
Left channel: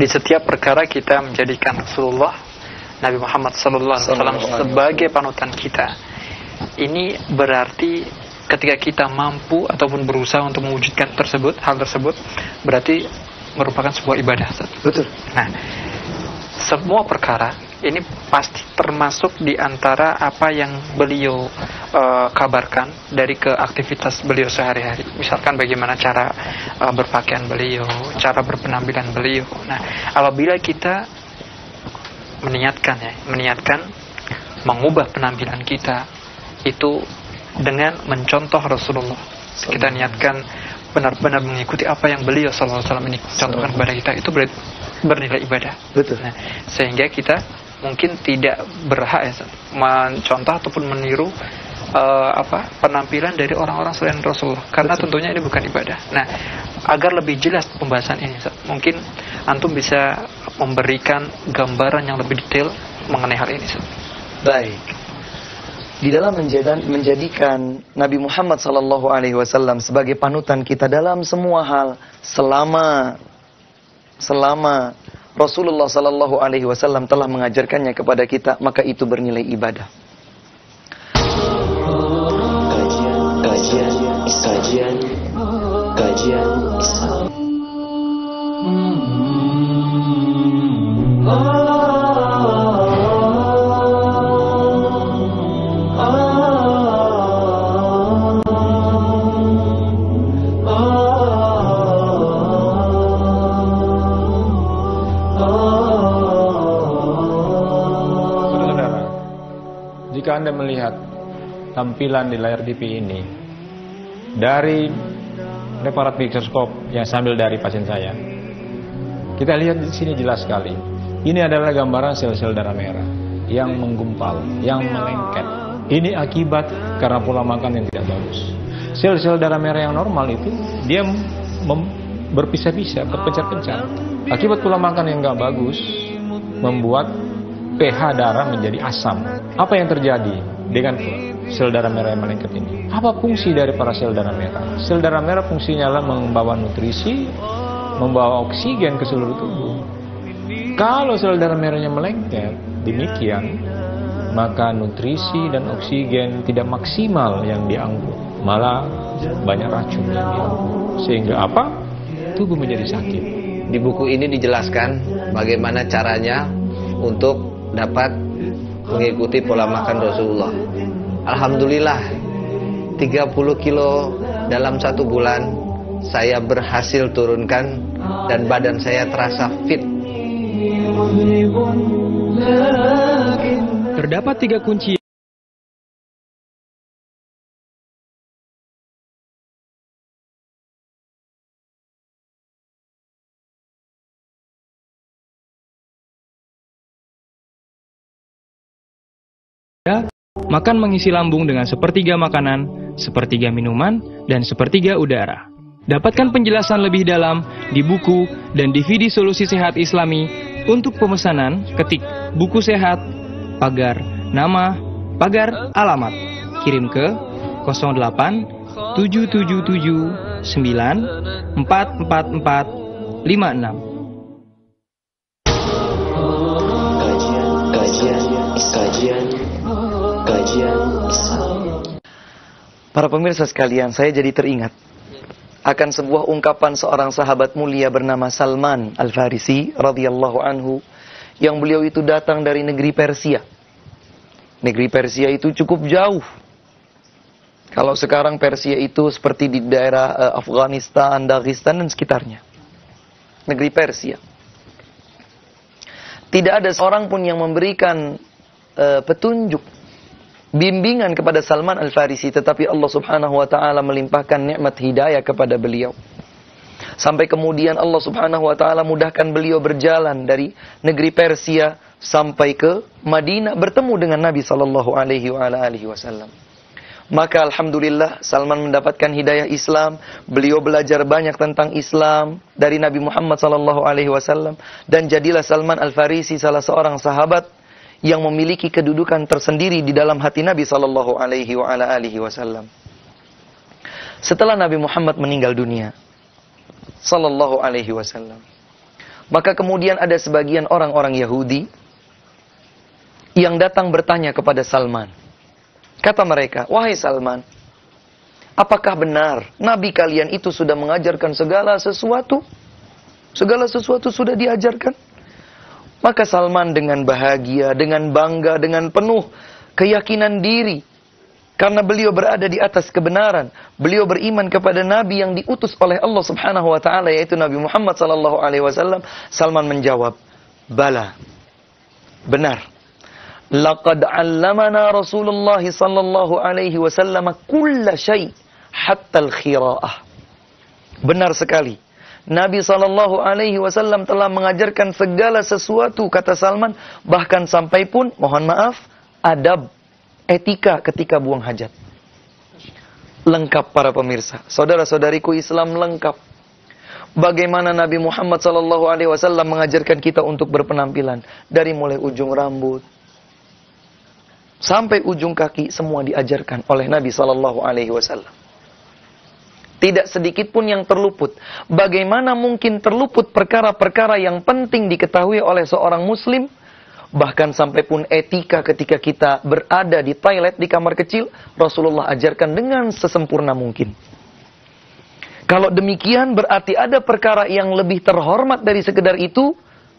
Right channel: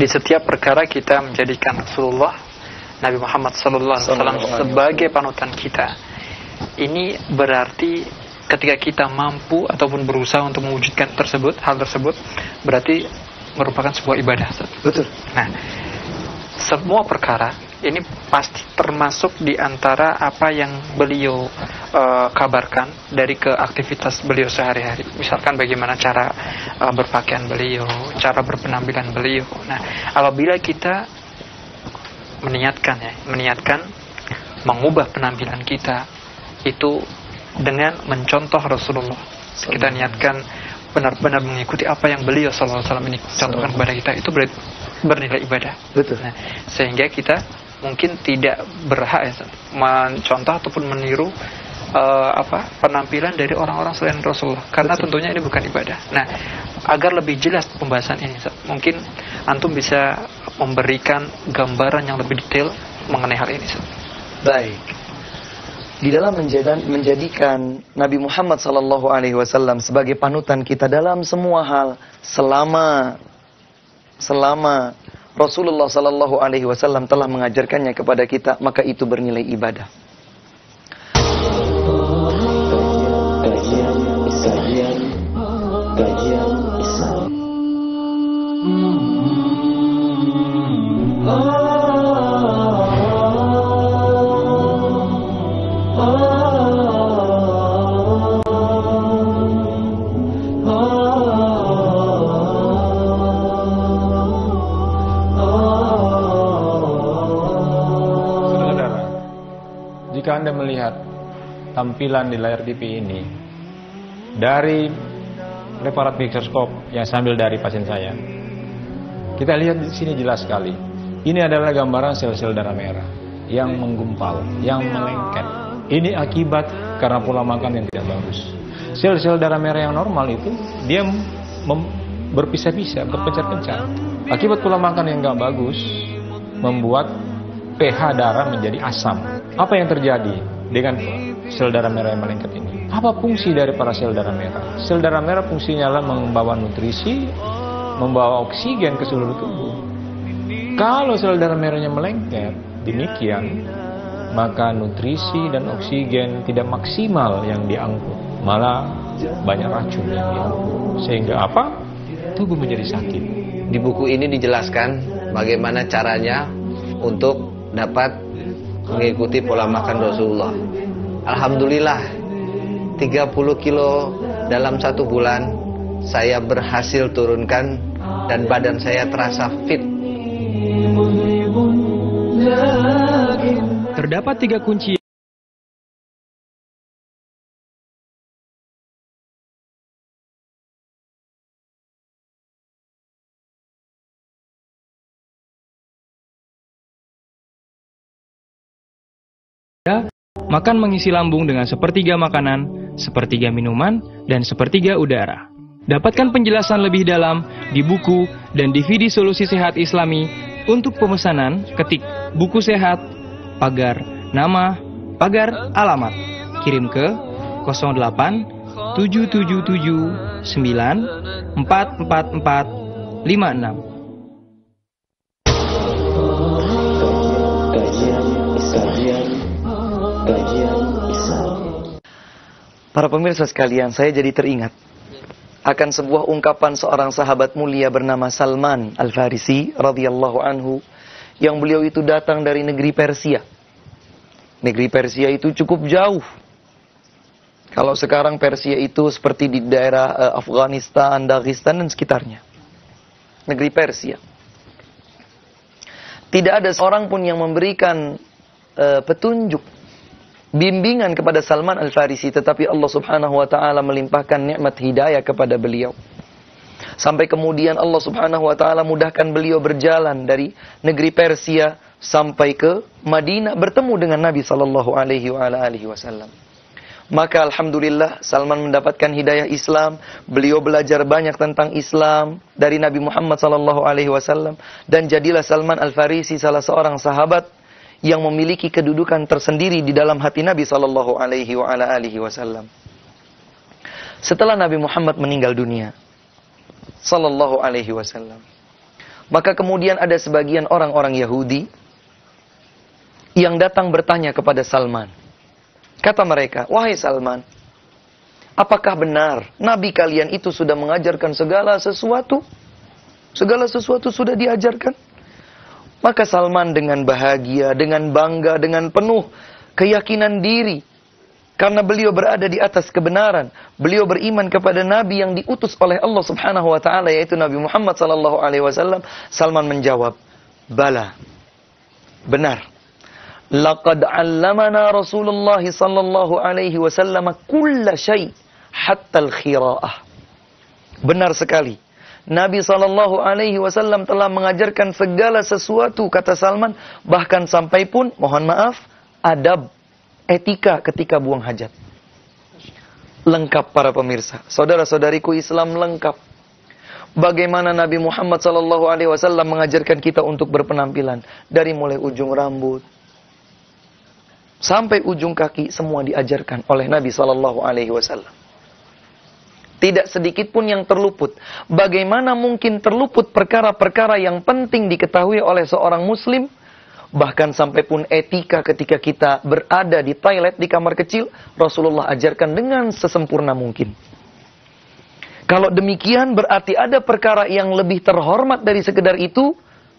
Di setiap perkara kita menjadikan Rasulullah Nabi Muhammad Sallallahu Alaihi Wasallam sebagai panutan kita. Ini berarti ketika kita mampu ataupun berusaha untuk mewujudkan hal tersebut, berarti merupakan sebuah ibadah. Betul. Nah, semua perkara ini pasti termasuk di antara apa yang beliau kabarkan dari keaktivitas beliau sehari-hari. Misalkan bagaimana cara berpakaian beliau, cara berpenampilan beliau. Nah, apabila kita meniatkan mengubah penampilan kita itu dengan mencontoh Rasulullah. Kita niatkan benar-benar mengikuti apa yang beliau SAW ini contohkan kepada kita, itu bernilai ibadah. Betul. Nah, sehingga kita mungkin tidak berhak mencontoh ataupun meniru penampilan dari orang-orang selain Rasulullah, karena Betul. tentunya ini bukan ibadah. Nah, agar lebih jelas pembahasan ini, mungkin antum bisa memberikan gambaran yang lebih detail mengenai hal ini. Baik. Di dalam menjadikan Nabi Muhammad Sallallahu Alaihi Wasallam sebagai panutan kita dalam semua hal, selama Rasulullah Sallallahu Alaihi Wasallam telah mengajarkannya kepada kita, maka itu bernilai ibadah. Kajian Islam. Saudara-saudara, jika Anda melihat tampilan di layar TV ini dari preparat mikroskop yang sambil dari pasien saya, kita lihat di sini jelas sekali. Ini adalah gambaran sel-sel darah merah yang menggumpal, yang melengket. Ini akibat karena pola makan yang tidak bagus. Sel-sel darah merah yang normal itu dia berpisah-pisah, berpencar-pencar. Akibat pola makan yang nggak bagus membuat pH darah menjadi asam. Apa yang terjadi dengan sel darah merah yang melengket ini? Apa fungsi dari para sel darah merah? Sel darah merah fungsinya adalah membawa nutrisi, membawa oksigen ke seluruh tubuh. Kalau sel darah merahnya melengket, demikian, maka nutrisi dan oksigen tidak maksimal yang diangkut. Malah banyak racun yang diangkut. Sehingga apa? Tubuh menjadi sakit. Di buku ini dijelaskan bagaimana caranya untuk dapat mengikuti pola makan Rasulullah. Alhamdulillah 30 kilo dalam 1 bulan saya berhasil turunkan dan badan saya terasa fit. Terdapat 3 kunci makan mengisi lambung dengan sepertiga makanan, sepertiga minuman, dan sepertiga udara. Dapatkan penjelasan lebih dalam di buku dan DVD Solusi Sehat Islami. Untuk pemesanan, ketik buku sehat, pagar nama, pagar alamat. Kirim ke 08 777 9 444 56. Kajian Islam. Para pemirsa sekalian, saya jadi teringat akan sebuah ungkapan seorang sahabat mulia bernama Salman Al-Farisi radhiyallahu anhu, yang beliau itu datang dari negeri Persia. Negeri Persia itu cukup jauh. Kalau sekarang Persia itu seperti di daerah Afghanistan, Dagestan dan sekitarnya. Negeri Persia. Tidak ada seorang pun yang memberikan petunjuk, bimbingan kepada Salman Al-Farisi, tetapi Allah Subhanahu wa taala melimpahkan nikmat hidayah kepada beliau. Sampai kemudian Allah Subhanahu wa taala mudahkan beliau berjalan dari negeri Persia sampai ke Madinah, bertemu dengan Nabi sallallahu alaihi wasallam. Maka alhamdulillah Salman mendapatkan hidayah Islam, beliau belajar banyak tentang Islam dari Nabi Muhammad sallallahu alaihi wasallam, dan jadilah Salman Al-Farisi salah seorang sahabat yang memiliki kedudukan tersendiri di dalam hati Nabi sallallahu alaihi wasallam. Setelah Nabi Muhammad meninggal dunia sallallahu alaihi wasallam, maka kemudian ada sebagian orang-orang Yahudi yang datang bertanya kepada Salman. Kata mereka, "Wahai Salman, apakah benar Nabi kalian itu sudah mengajarkan segala sesuatu? Segala sesuatu sudah diajarkan?" Maka Salman dengan bahagia, dengan bangga, dengan penuh keyakinan diri, karena beliau berada di atas kebenaran, beliau beriman kepada Nabi yang diutus oleh Allah Subhanahu wa taala, yaitu Nabi Muhammad sallallahu alaihi wasallam. Salman menjawab, "Bala, benar. Laqad 'allamana Rasulullah sallallahu alaihi wasallam kulla syai' hatta al-khira'ah." Benar sekali. Nabi sallallahu alaihi wasallam telah mengajarkan segala sesuatu, kata Salman, bahkan sampai pun, mohon maaf, adab, etika ketika buang hajat. Lengkap para pemirsa. Saudara-saudariku, Islam lengkap. Bagaimana Nabi Muhammad sallallahu alaihi wasallam mengajarkan kita untuk berpenampilan, dari mulai ujung rambut sampai ujung kaki, semua diajarkan oleh Nabi sallallahu alaihi wasallam. Tidak sedikit pun yang terluput. Bagaimana mungkin terluput perkara-perkara yang penting diketahui oleh seorang muslim? Bahkan sampai pun etika ketika kita berada di toilet, di kamar kecil, Rasulullah ajarkan dengan sesempurna mungkin. Kalau demikian berarti ada perkara yang lebih terhormat dari sekedar itu,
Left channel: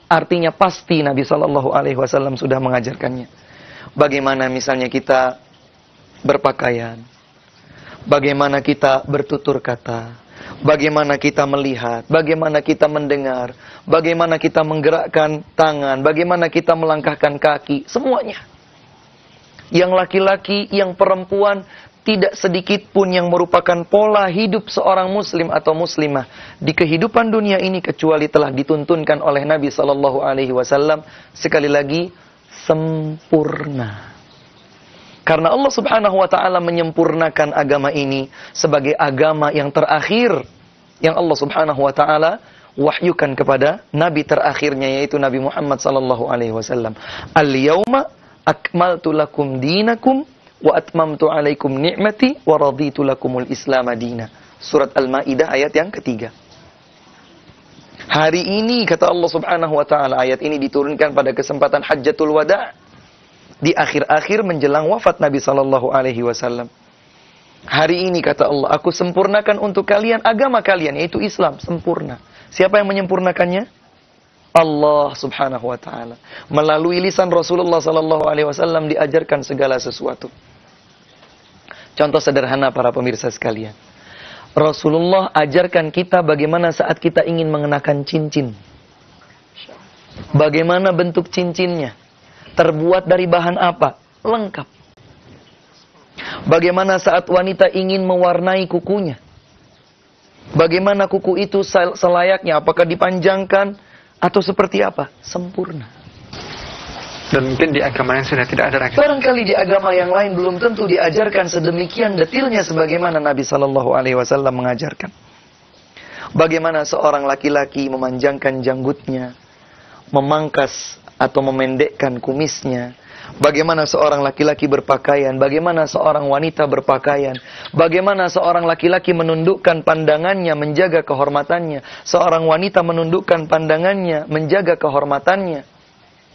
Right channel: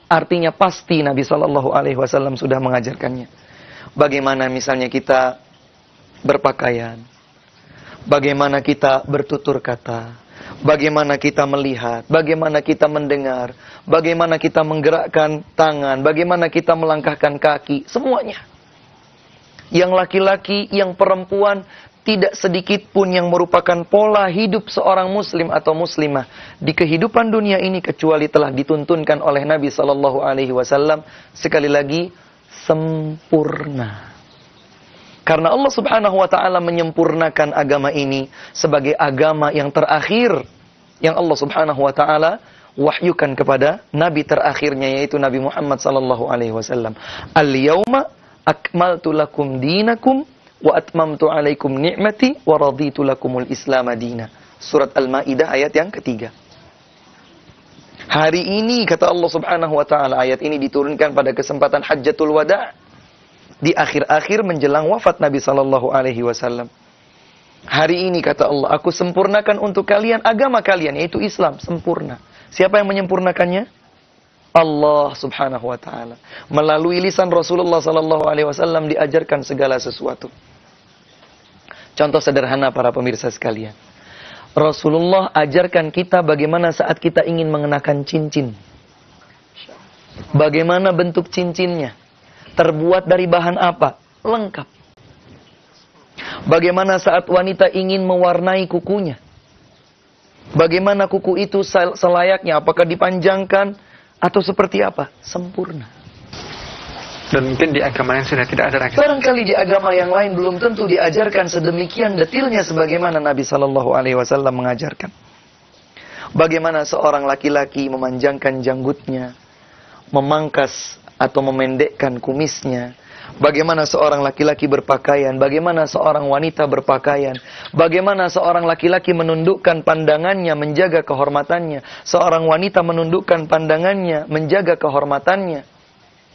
artinya pasti Nabi SAW sudah mengajarkannya. Bagaimana misalnya kita berpakaian, bagaimana kita bertutur kata, bagaimana kita melihat, bagaimana kita mendengar, bagaimana kita menggerakkan tangan, bagaimana kita melangkahkan kaki, semuanya. Yang laki-laki, yang perempuan, tidak sedikit pun yang merupakan pola hidup seorang muslim atau muslimah di kehidupan dunia ini kecuali telah dituntunkan oleh Nabi sallallahu alaihi wasallam, sekali lagi sempurna. Karena Allah Subhanahu wa taala menyempurnakan agama ini sebagai agama yang terakhir yang Allah Subhanahu wa taala wahyukan kepada nabi terakhirnya, yaitu Nabi Muhammad sallallahu alaihi wasallam. Al-yauma akmaltu lakum dinakum wa atmamtu alaikum ni'mati wa raditu lakumul Islam madina. Surat Al-Maidah ayat yang ketiga. Hari ini, kata Allah Subhanahu wa taala, ayat ini diturunkan pada kesempatan Hajjatul Wada', di akhir-akhir menjelang wafat Nabi sallallahu alaihi wasallam. Hari ini, kata Allah, aku sempurnakan untuk kalian agama kalian, yaitu Islam, sempurna. Siapa yang menyempurnakannya? Allah Subhanahu wa taala. Melalui lisan Rasulullah sallallahu alaihi wasallam diajarkan segala sesuatu. Contoh sederhana para pemirsa sekalian. Rasulullah ajarkan kita bagaimana saat kita ingin mengenakan cincin. Bagaimana bentuk cincinnya? Terbuat dari bahan apa? Lengkap. Bagaimana saat wanita ingin mewarnai kukunya? Bagaimana kuku itu selayaknya? Apakah dipanjangkan atau seperti apa? Sempurna. Dan mungkin di agama yang sudah tidak ada lagi. Barangkali di agama yang lain belum tentu diajarkan sedemikian detailnya sebagaimana Nabi sallallahu alaihi wasallam mengajarkan. Bagaimana seorang laki-laki memanjangkan janggutnya, memangkas atau memendekkan kumisnya. Bagaimana seorang laki-laki berpakaian, bagaimana seorang wanita berpakaian, bagaimana seorang laki-laki menundukkan pandangannya, menjaga kehormatannya, seorang wanita menundukkan pandangannya, menjaga kehormatannya,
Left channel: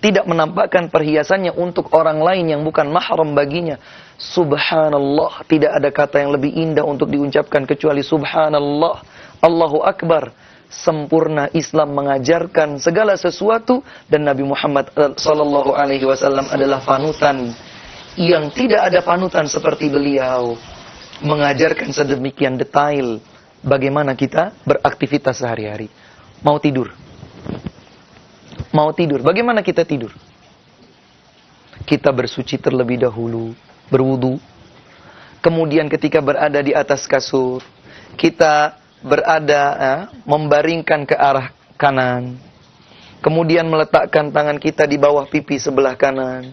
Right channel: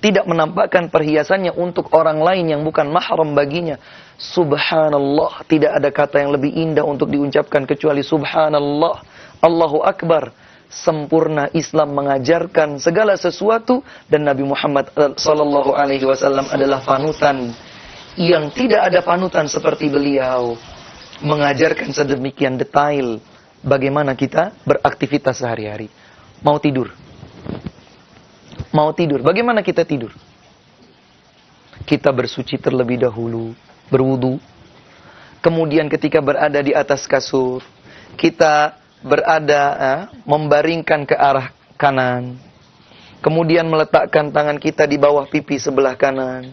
tidak menampakkan perhiasannya untuk orang lain yang bukan mahram baginya. Subhanallah, tidak ada kata yang lebih indah untuk diucapkan kecuali subhanallah. Allahu Akbar. Sempurna Islam mengajarkan segala sesuatu dan Nabi Muhammad sallallahu alaihi wasallam adalah panutan yang tidak ada panutan seperti beliau, mengajarkan sedemikian detail bagaimana kita beraktivitas sehari-hari. Mau tidur. Bagaimana kita tidur? Kita bersuci terlebih dahulu, berwudu. Kemudian ketika berada di atas kasur, kita berada membaringkan ke arah kanan. Kemudian meletakkan tangan kita di bawah pipi sebelah kanan.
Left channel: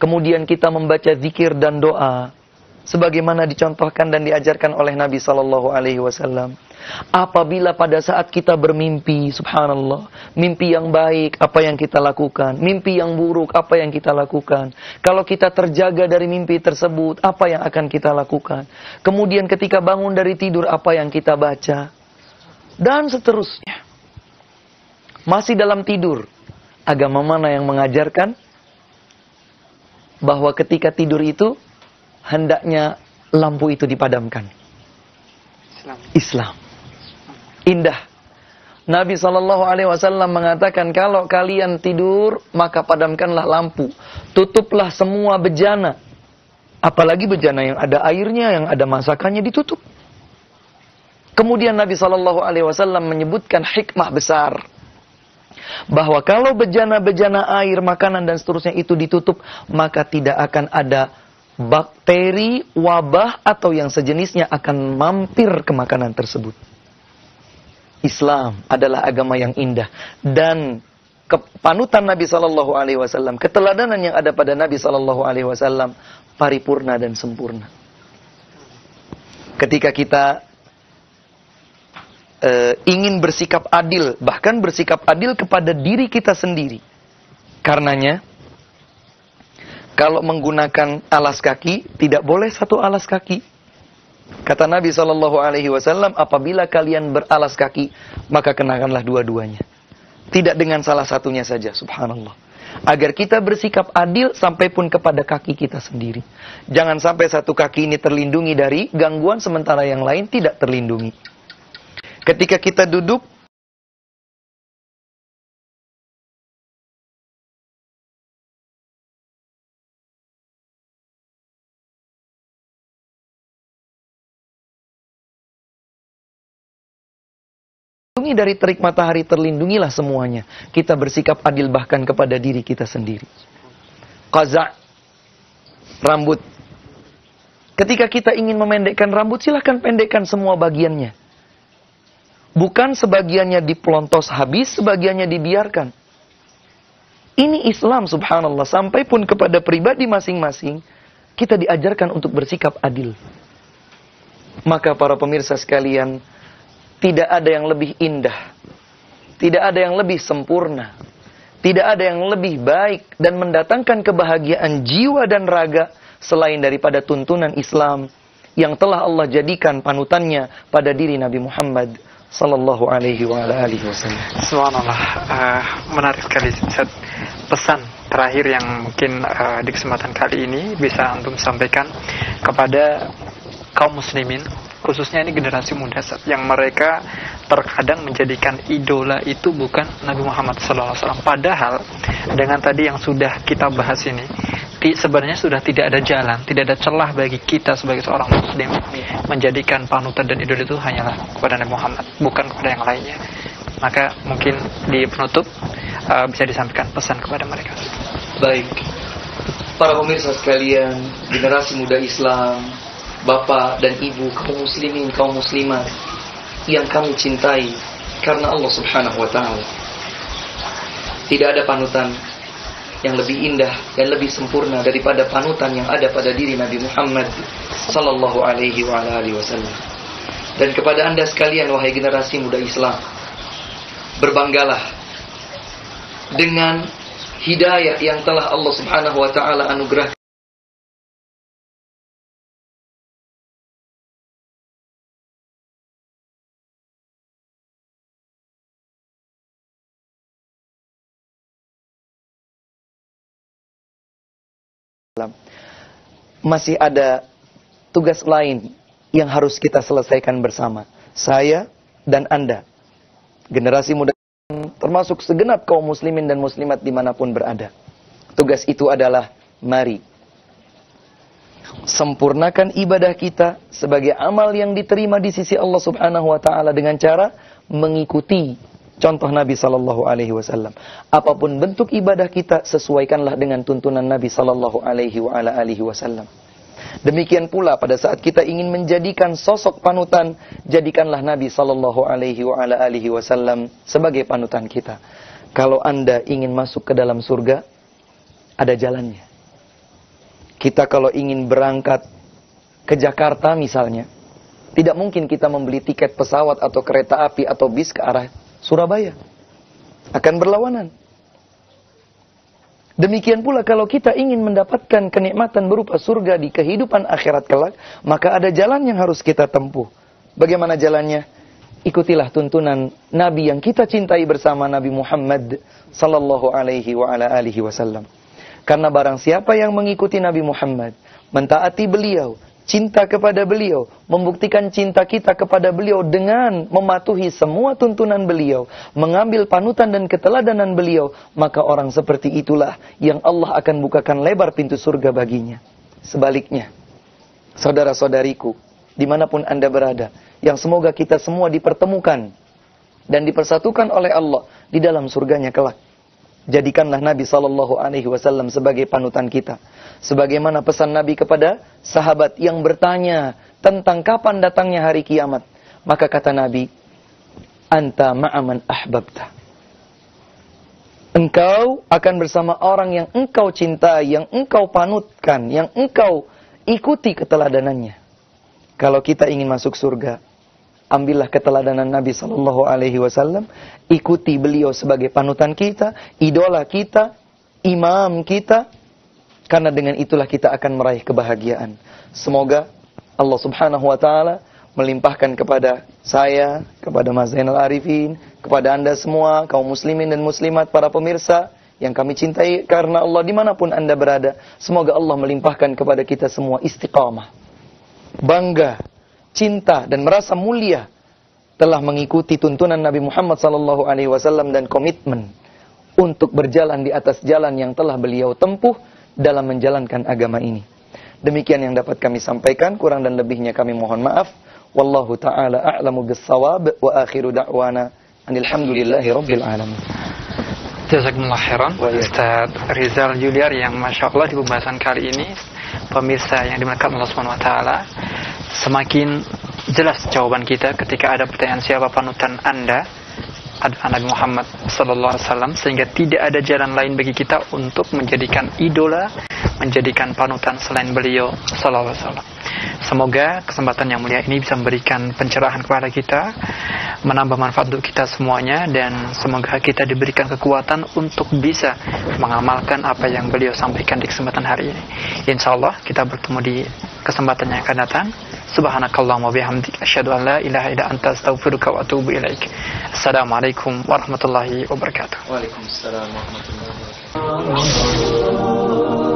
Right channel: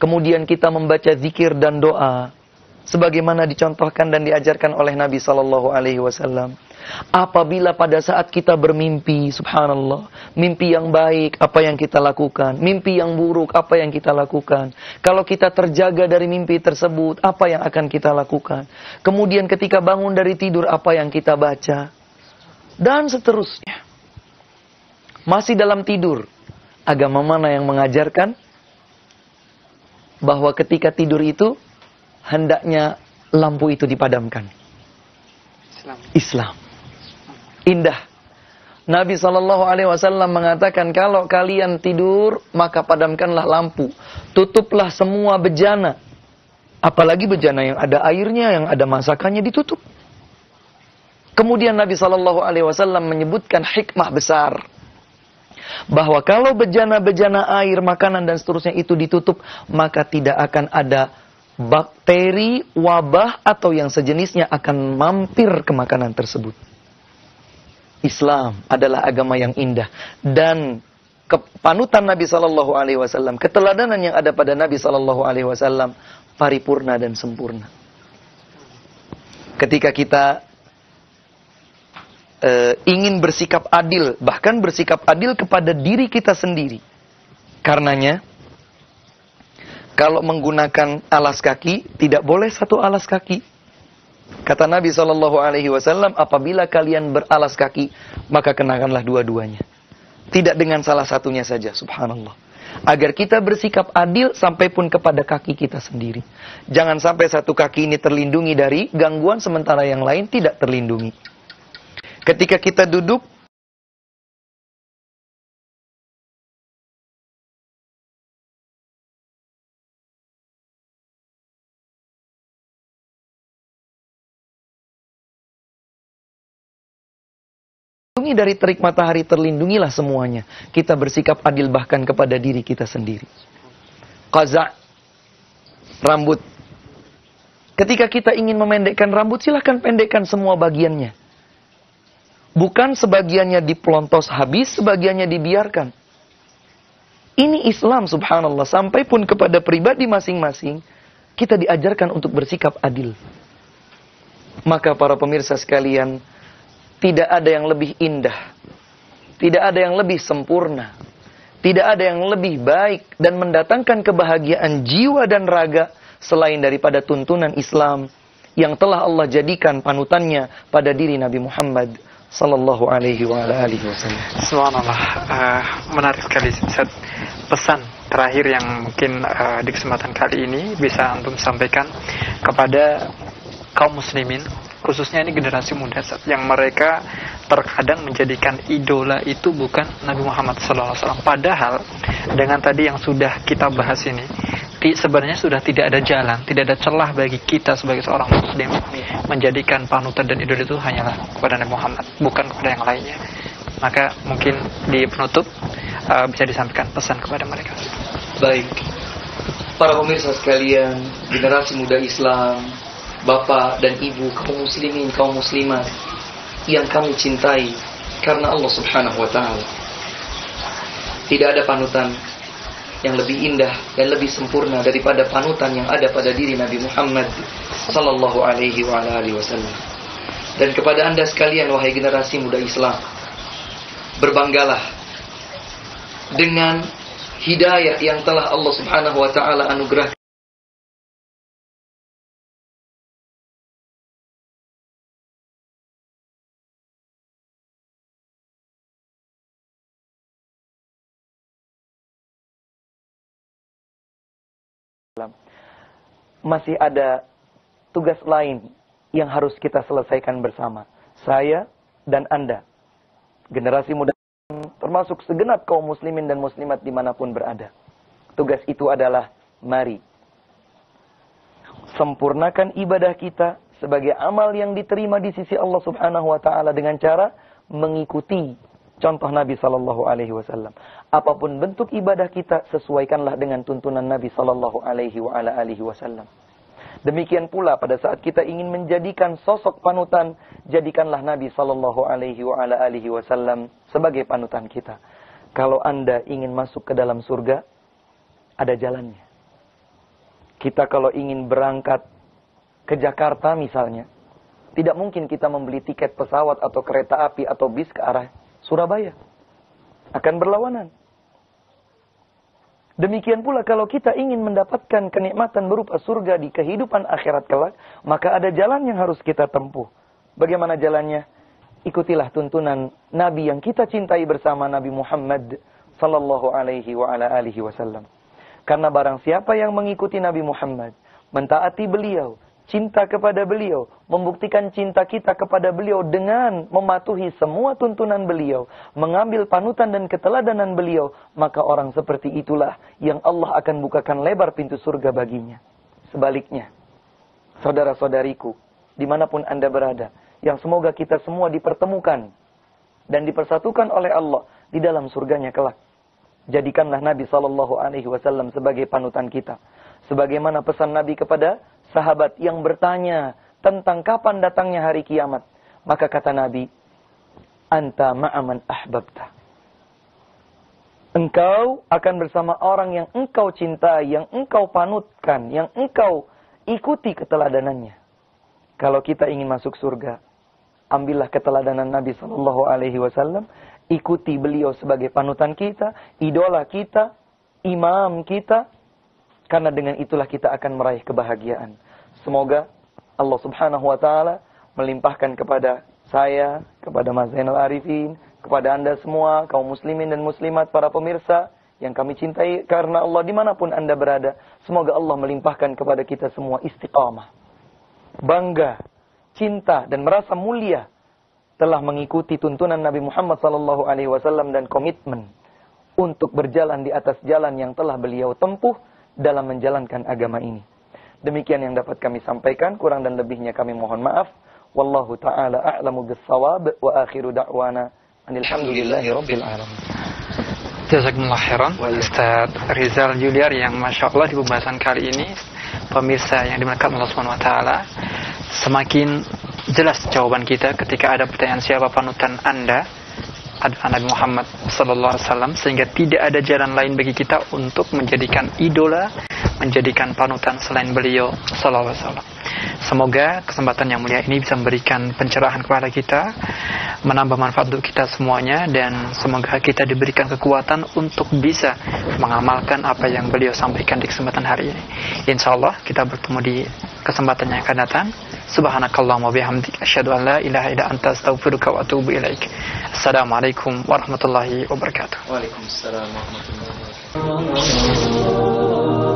Kemudian kita membaca zikir dan doa sebagaimana dicontohkan dan diajarkan oleh Nabi sallallahu alaihi wasallam. Apabila pada saat kita bermimpi, subhanallah, mimpi yang baik, apa yang kita lakukan? Mimpi yang buruk, apa yang kita lakukan? Kalau kita terjaga dari mimpi tersebut, apa yang akan kita lakukan? Kemudian ketika bangun dari tidur, apa yang kita baca? Dan seterusnya. Masih dalam tidur, agama mana yang mengajarkan bahwa ketika tidur itu, hendaknya lampu itu dipadamkan? Islam. Indah. Nabi SAW mengatakan, kalau kalian tidur, maka padamkanlah lampu. Tutuplah semua bejana. Apalagi bejana yang ada airnya, yang ada masakannya, ditutup. Kemudian Nabi SAW menyebutkan hikmah besar. Bahwa kalau bejana-bejana air, makanan dan seterusnya itu ditutup, maka tidak akan ada bakteri, wabah, atau yang sejenisnya akan mampir ke makanan tersebut. Islam adalah agama yang indah. Dan panutan Nabi SAW, keteladanan yang ada pada Nabi SAW, paripurna dan sempurna. Ketika kita ingin bersikap adil, bahkan bersikap adil kepada diri kita sendiri. Karenanya, kalau menggunakan alas kaki, tidak boleh satu alas kaki. Kata Nabi SAW, apabila kalian beralas kaki, maka kenakanlah dua-duanya. Tidak dengan salah satunya saja, subhanallah. Agar kita bersikap adil sampai pun kepada kaki kita sendiri. Jangan sampai satu kaki ini terlindungi dari gangguan, sementara yang lain tidak terlindungi. Ketika kita duduk, dari terik matahari, terlindungilah semuanya. Kita bersikap adil bahkan kepada diri kita sendiri. Qaza', rambut. Ketika kita ingin memendekkan rambut, silahkan pendekkan semua bagiannya. Bukan sebagiannya dipelontos habis, sebagiannya dibiarkan. Ini Islam, subhanallah. Sampai pun kepada pribadi masing-masing, kita diajarkan untuk bersikap adil. Maka para pemirsa sekalian, tidak ada yang lebih indah, tidak ada yang lebih sempurna, tidak ada yang lebih baik dan mendatangkan kebahagiaan jiwa dan raga selain daripada tuntunan Islam yang telah Allah jadikan panutannya pada diri Nabi Muhammad sallallahu alaihi wasallam. Subhanallah, menarik sekali Ustaz. Pesan terakhir yang mungkin di kesempatan kali ini bisa antum sampaikan kepada kaum muslimin, khususnya ini generasi muda, yang mereka terkadang menjadikan idola itu bukan Nabi Muhammad SAW. Padahal dengan tadi yang sudah kita bahas ini, sebenarnya sudah tidak ada jalan, tidak ada celah bagi kita sebagai seorang muslim menjadikan panutan dan idola itu hanyalah kepada Nabi Muhammad, bukan kepada yang lainnya. Maka mungkin di penutup bisa disampaikan pesan kepada mereka. Baik, para pemirsa sekalian, generasi muda Islam, bapak dan ibu, kaum muslimin, kaum muslimat yang kami cintai karena Allah Subhanahu wa taala. Tidak ada panutan yang lebih indah dan lebih sempurna daripada panutan yang ada pada diri Nabi Muhammad sallallahu alaihi wasallam. Dan kepada Anda sekalian, wahai generasi muda Islam, berbanggalah dengan hidayah yang telah Allah Subhanahu wa taala anugerahkan. Masih ada tugas lain yang harus kita selesaikan bersama. Saya dan Anda, generasi muda, termasuk segenap kaum muslimin dan muslimat dimanapun berada. Tugas itu adalah, mari sempurnakan ibadah kita sebagai amal yang diterima di sisi Allah Subhanahu wa taala dengan cara mengikuti contoh Nabi sallallahu alaihi wasallam. Apapun bentuk ibadah kita, sesuaikanlah dengan tuntunan Nabi sallallahu alaihi wasallam. Demikian pula pada saat kita ingin menjadikan sosok panutan, jadikanlah Nabi sallallahu alaihi wasallam sebagai panutan kita. Kalau Anda ingin masuk ke dalam surga, ada jalannya. Kita kalau ingin berangkat ke Jakarta misalnya, tidak mungkin kita membeli tiket pesawat atau kereta api atau bis ke arah Surabaya. Akan berlawanan. Demikian pula kalau kita ingin mendapatkan kenikmatan berupa surga di kehidupan akhirat kelak, maka ada jalan yang harus kita tempuh. Bagaimana jalannya? Ikutilah tuntunan Nabi yang kita cintai bersama, Nabi Muhammad sallallahu alaihi wasallam. Karena barang siapa yang mengikuti Nabi Muhammad, mentaati beliau, cinta kepada beliau, membuktikan cinta kita kepada beliau dengan mematuhi semua tuntunan beliau, mengambil panutan dan keteladanan beliau, maka orang seperti itulah yang Allah akan bukakan lebar pintu surga baginya. Sebaliknya, saudara-saudariku, dimanapun Anda berada, yang semoga kita semua dipertemukan dan dipersatukan oleh Allah di dalam surganya kelak. Jadikanlah Nabi sallallahu alaihi wasallam sebagai panutan kita. Sebagaimana pesan Nabi kepada sahabat yang bertanya tentang kapan datangnya hari kiamat. Maka kata Nabi, anta ma'aman ahbabta. Engkau akan bersama orang yang engkau cintai, yang engkau panutkan, yang engkau ikuti keteladanannya. Kalau kita ingin masuk surga, ambillah keteladanan Nabi sallallahu alaihi wasallam, ikuti beliau sebagai panutan kita, idola kita, imam kita, karena dengan itulah kita akan meraih kebahagiaan. Semoga Allah Subhanahu wa taala melimpahkan kepada saya, kepada Mas Zainal Arifin, kepada Anda semua, kaum muslimin dan muslimat, para pemirsa yang kami cintai karena Allah dimanapun Anda berada, semoga Allah melimpahkan kepada kita semua istiqamah, bangga, cinta dan merasa mulia telah mengikuti tuntunan Nabi Muhammad SAW dan komitmen untuk berjalan di atas jalan yang telah beliau tempuh dalam menjalankan agama ini. Demikian yang dapat kami sampaikan, kurang dan lebihnya kami mohon maaf. Wallahu ta'ala a'lamu bis-shawab wa akhiru da'wana alhamdulillahi rabbil alamin. Jazakumullah khairan Ustaz Rizal Juliar yang Masya Allah di pembahasan kali ini, pemirsa yang dimuliakan Allah Subhanahu wa taala, semakin jelas jawaban kita ketika ada pertanyaan siapa panutan Anda, adalah Nabi Muhammad sallallahu alaihi wasallam, sehingga tidak ada jalan lain bagi kita untuk menjadikan idola, menjadikan panutan selain beliau sallallahu alaihi wasallam. Semoga kesempatan yang mulia ini bisa memberikan pencerahan kepada kita, menambah manfaat untuk kita semuanya, dan semoga kita diberikan kekuatan untuk bisa mengamalkan apa yang beliau sampaikan di kesempatan hari ini. Insyaallah kita bertemu di kesempatan yang akan datang. Subhanakallahumma bihamdika asyhadu an la ilaha illa anta astaghfiruka wa atubu ilaik. Assalamualaikum warahmatullahi wabarakatuh. Waalaikumsalam warahmatullahi wabarakatuh.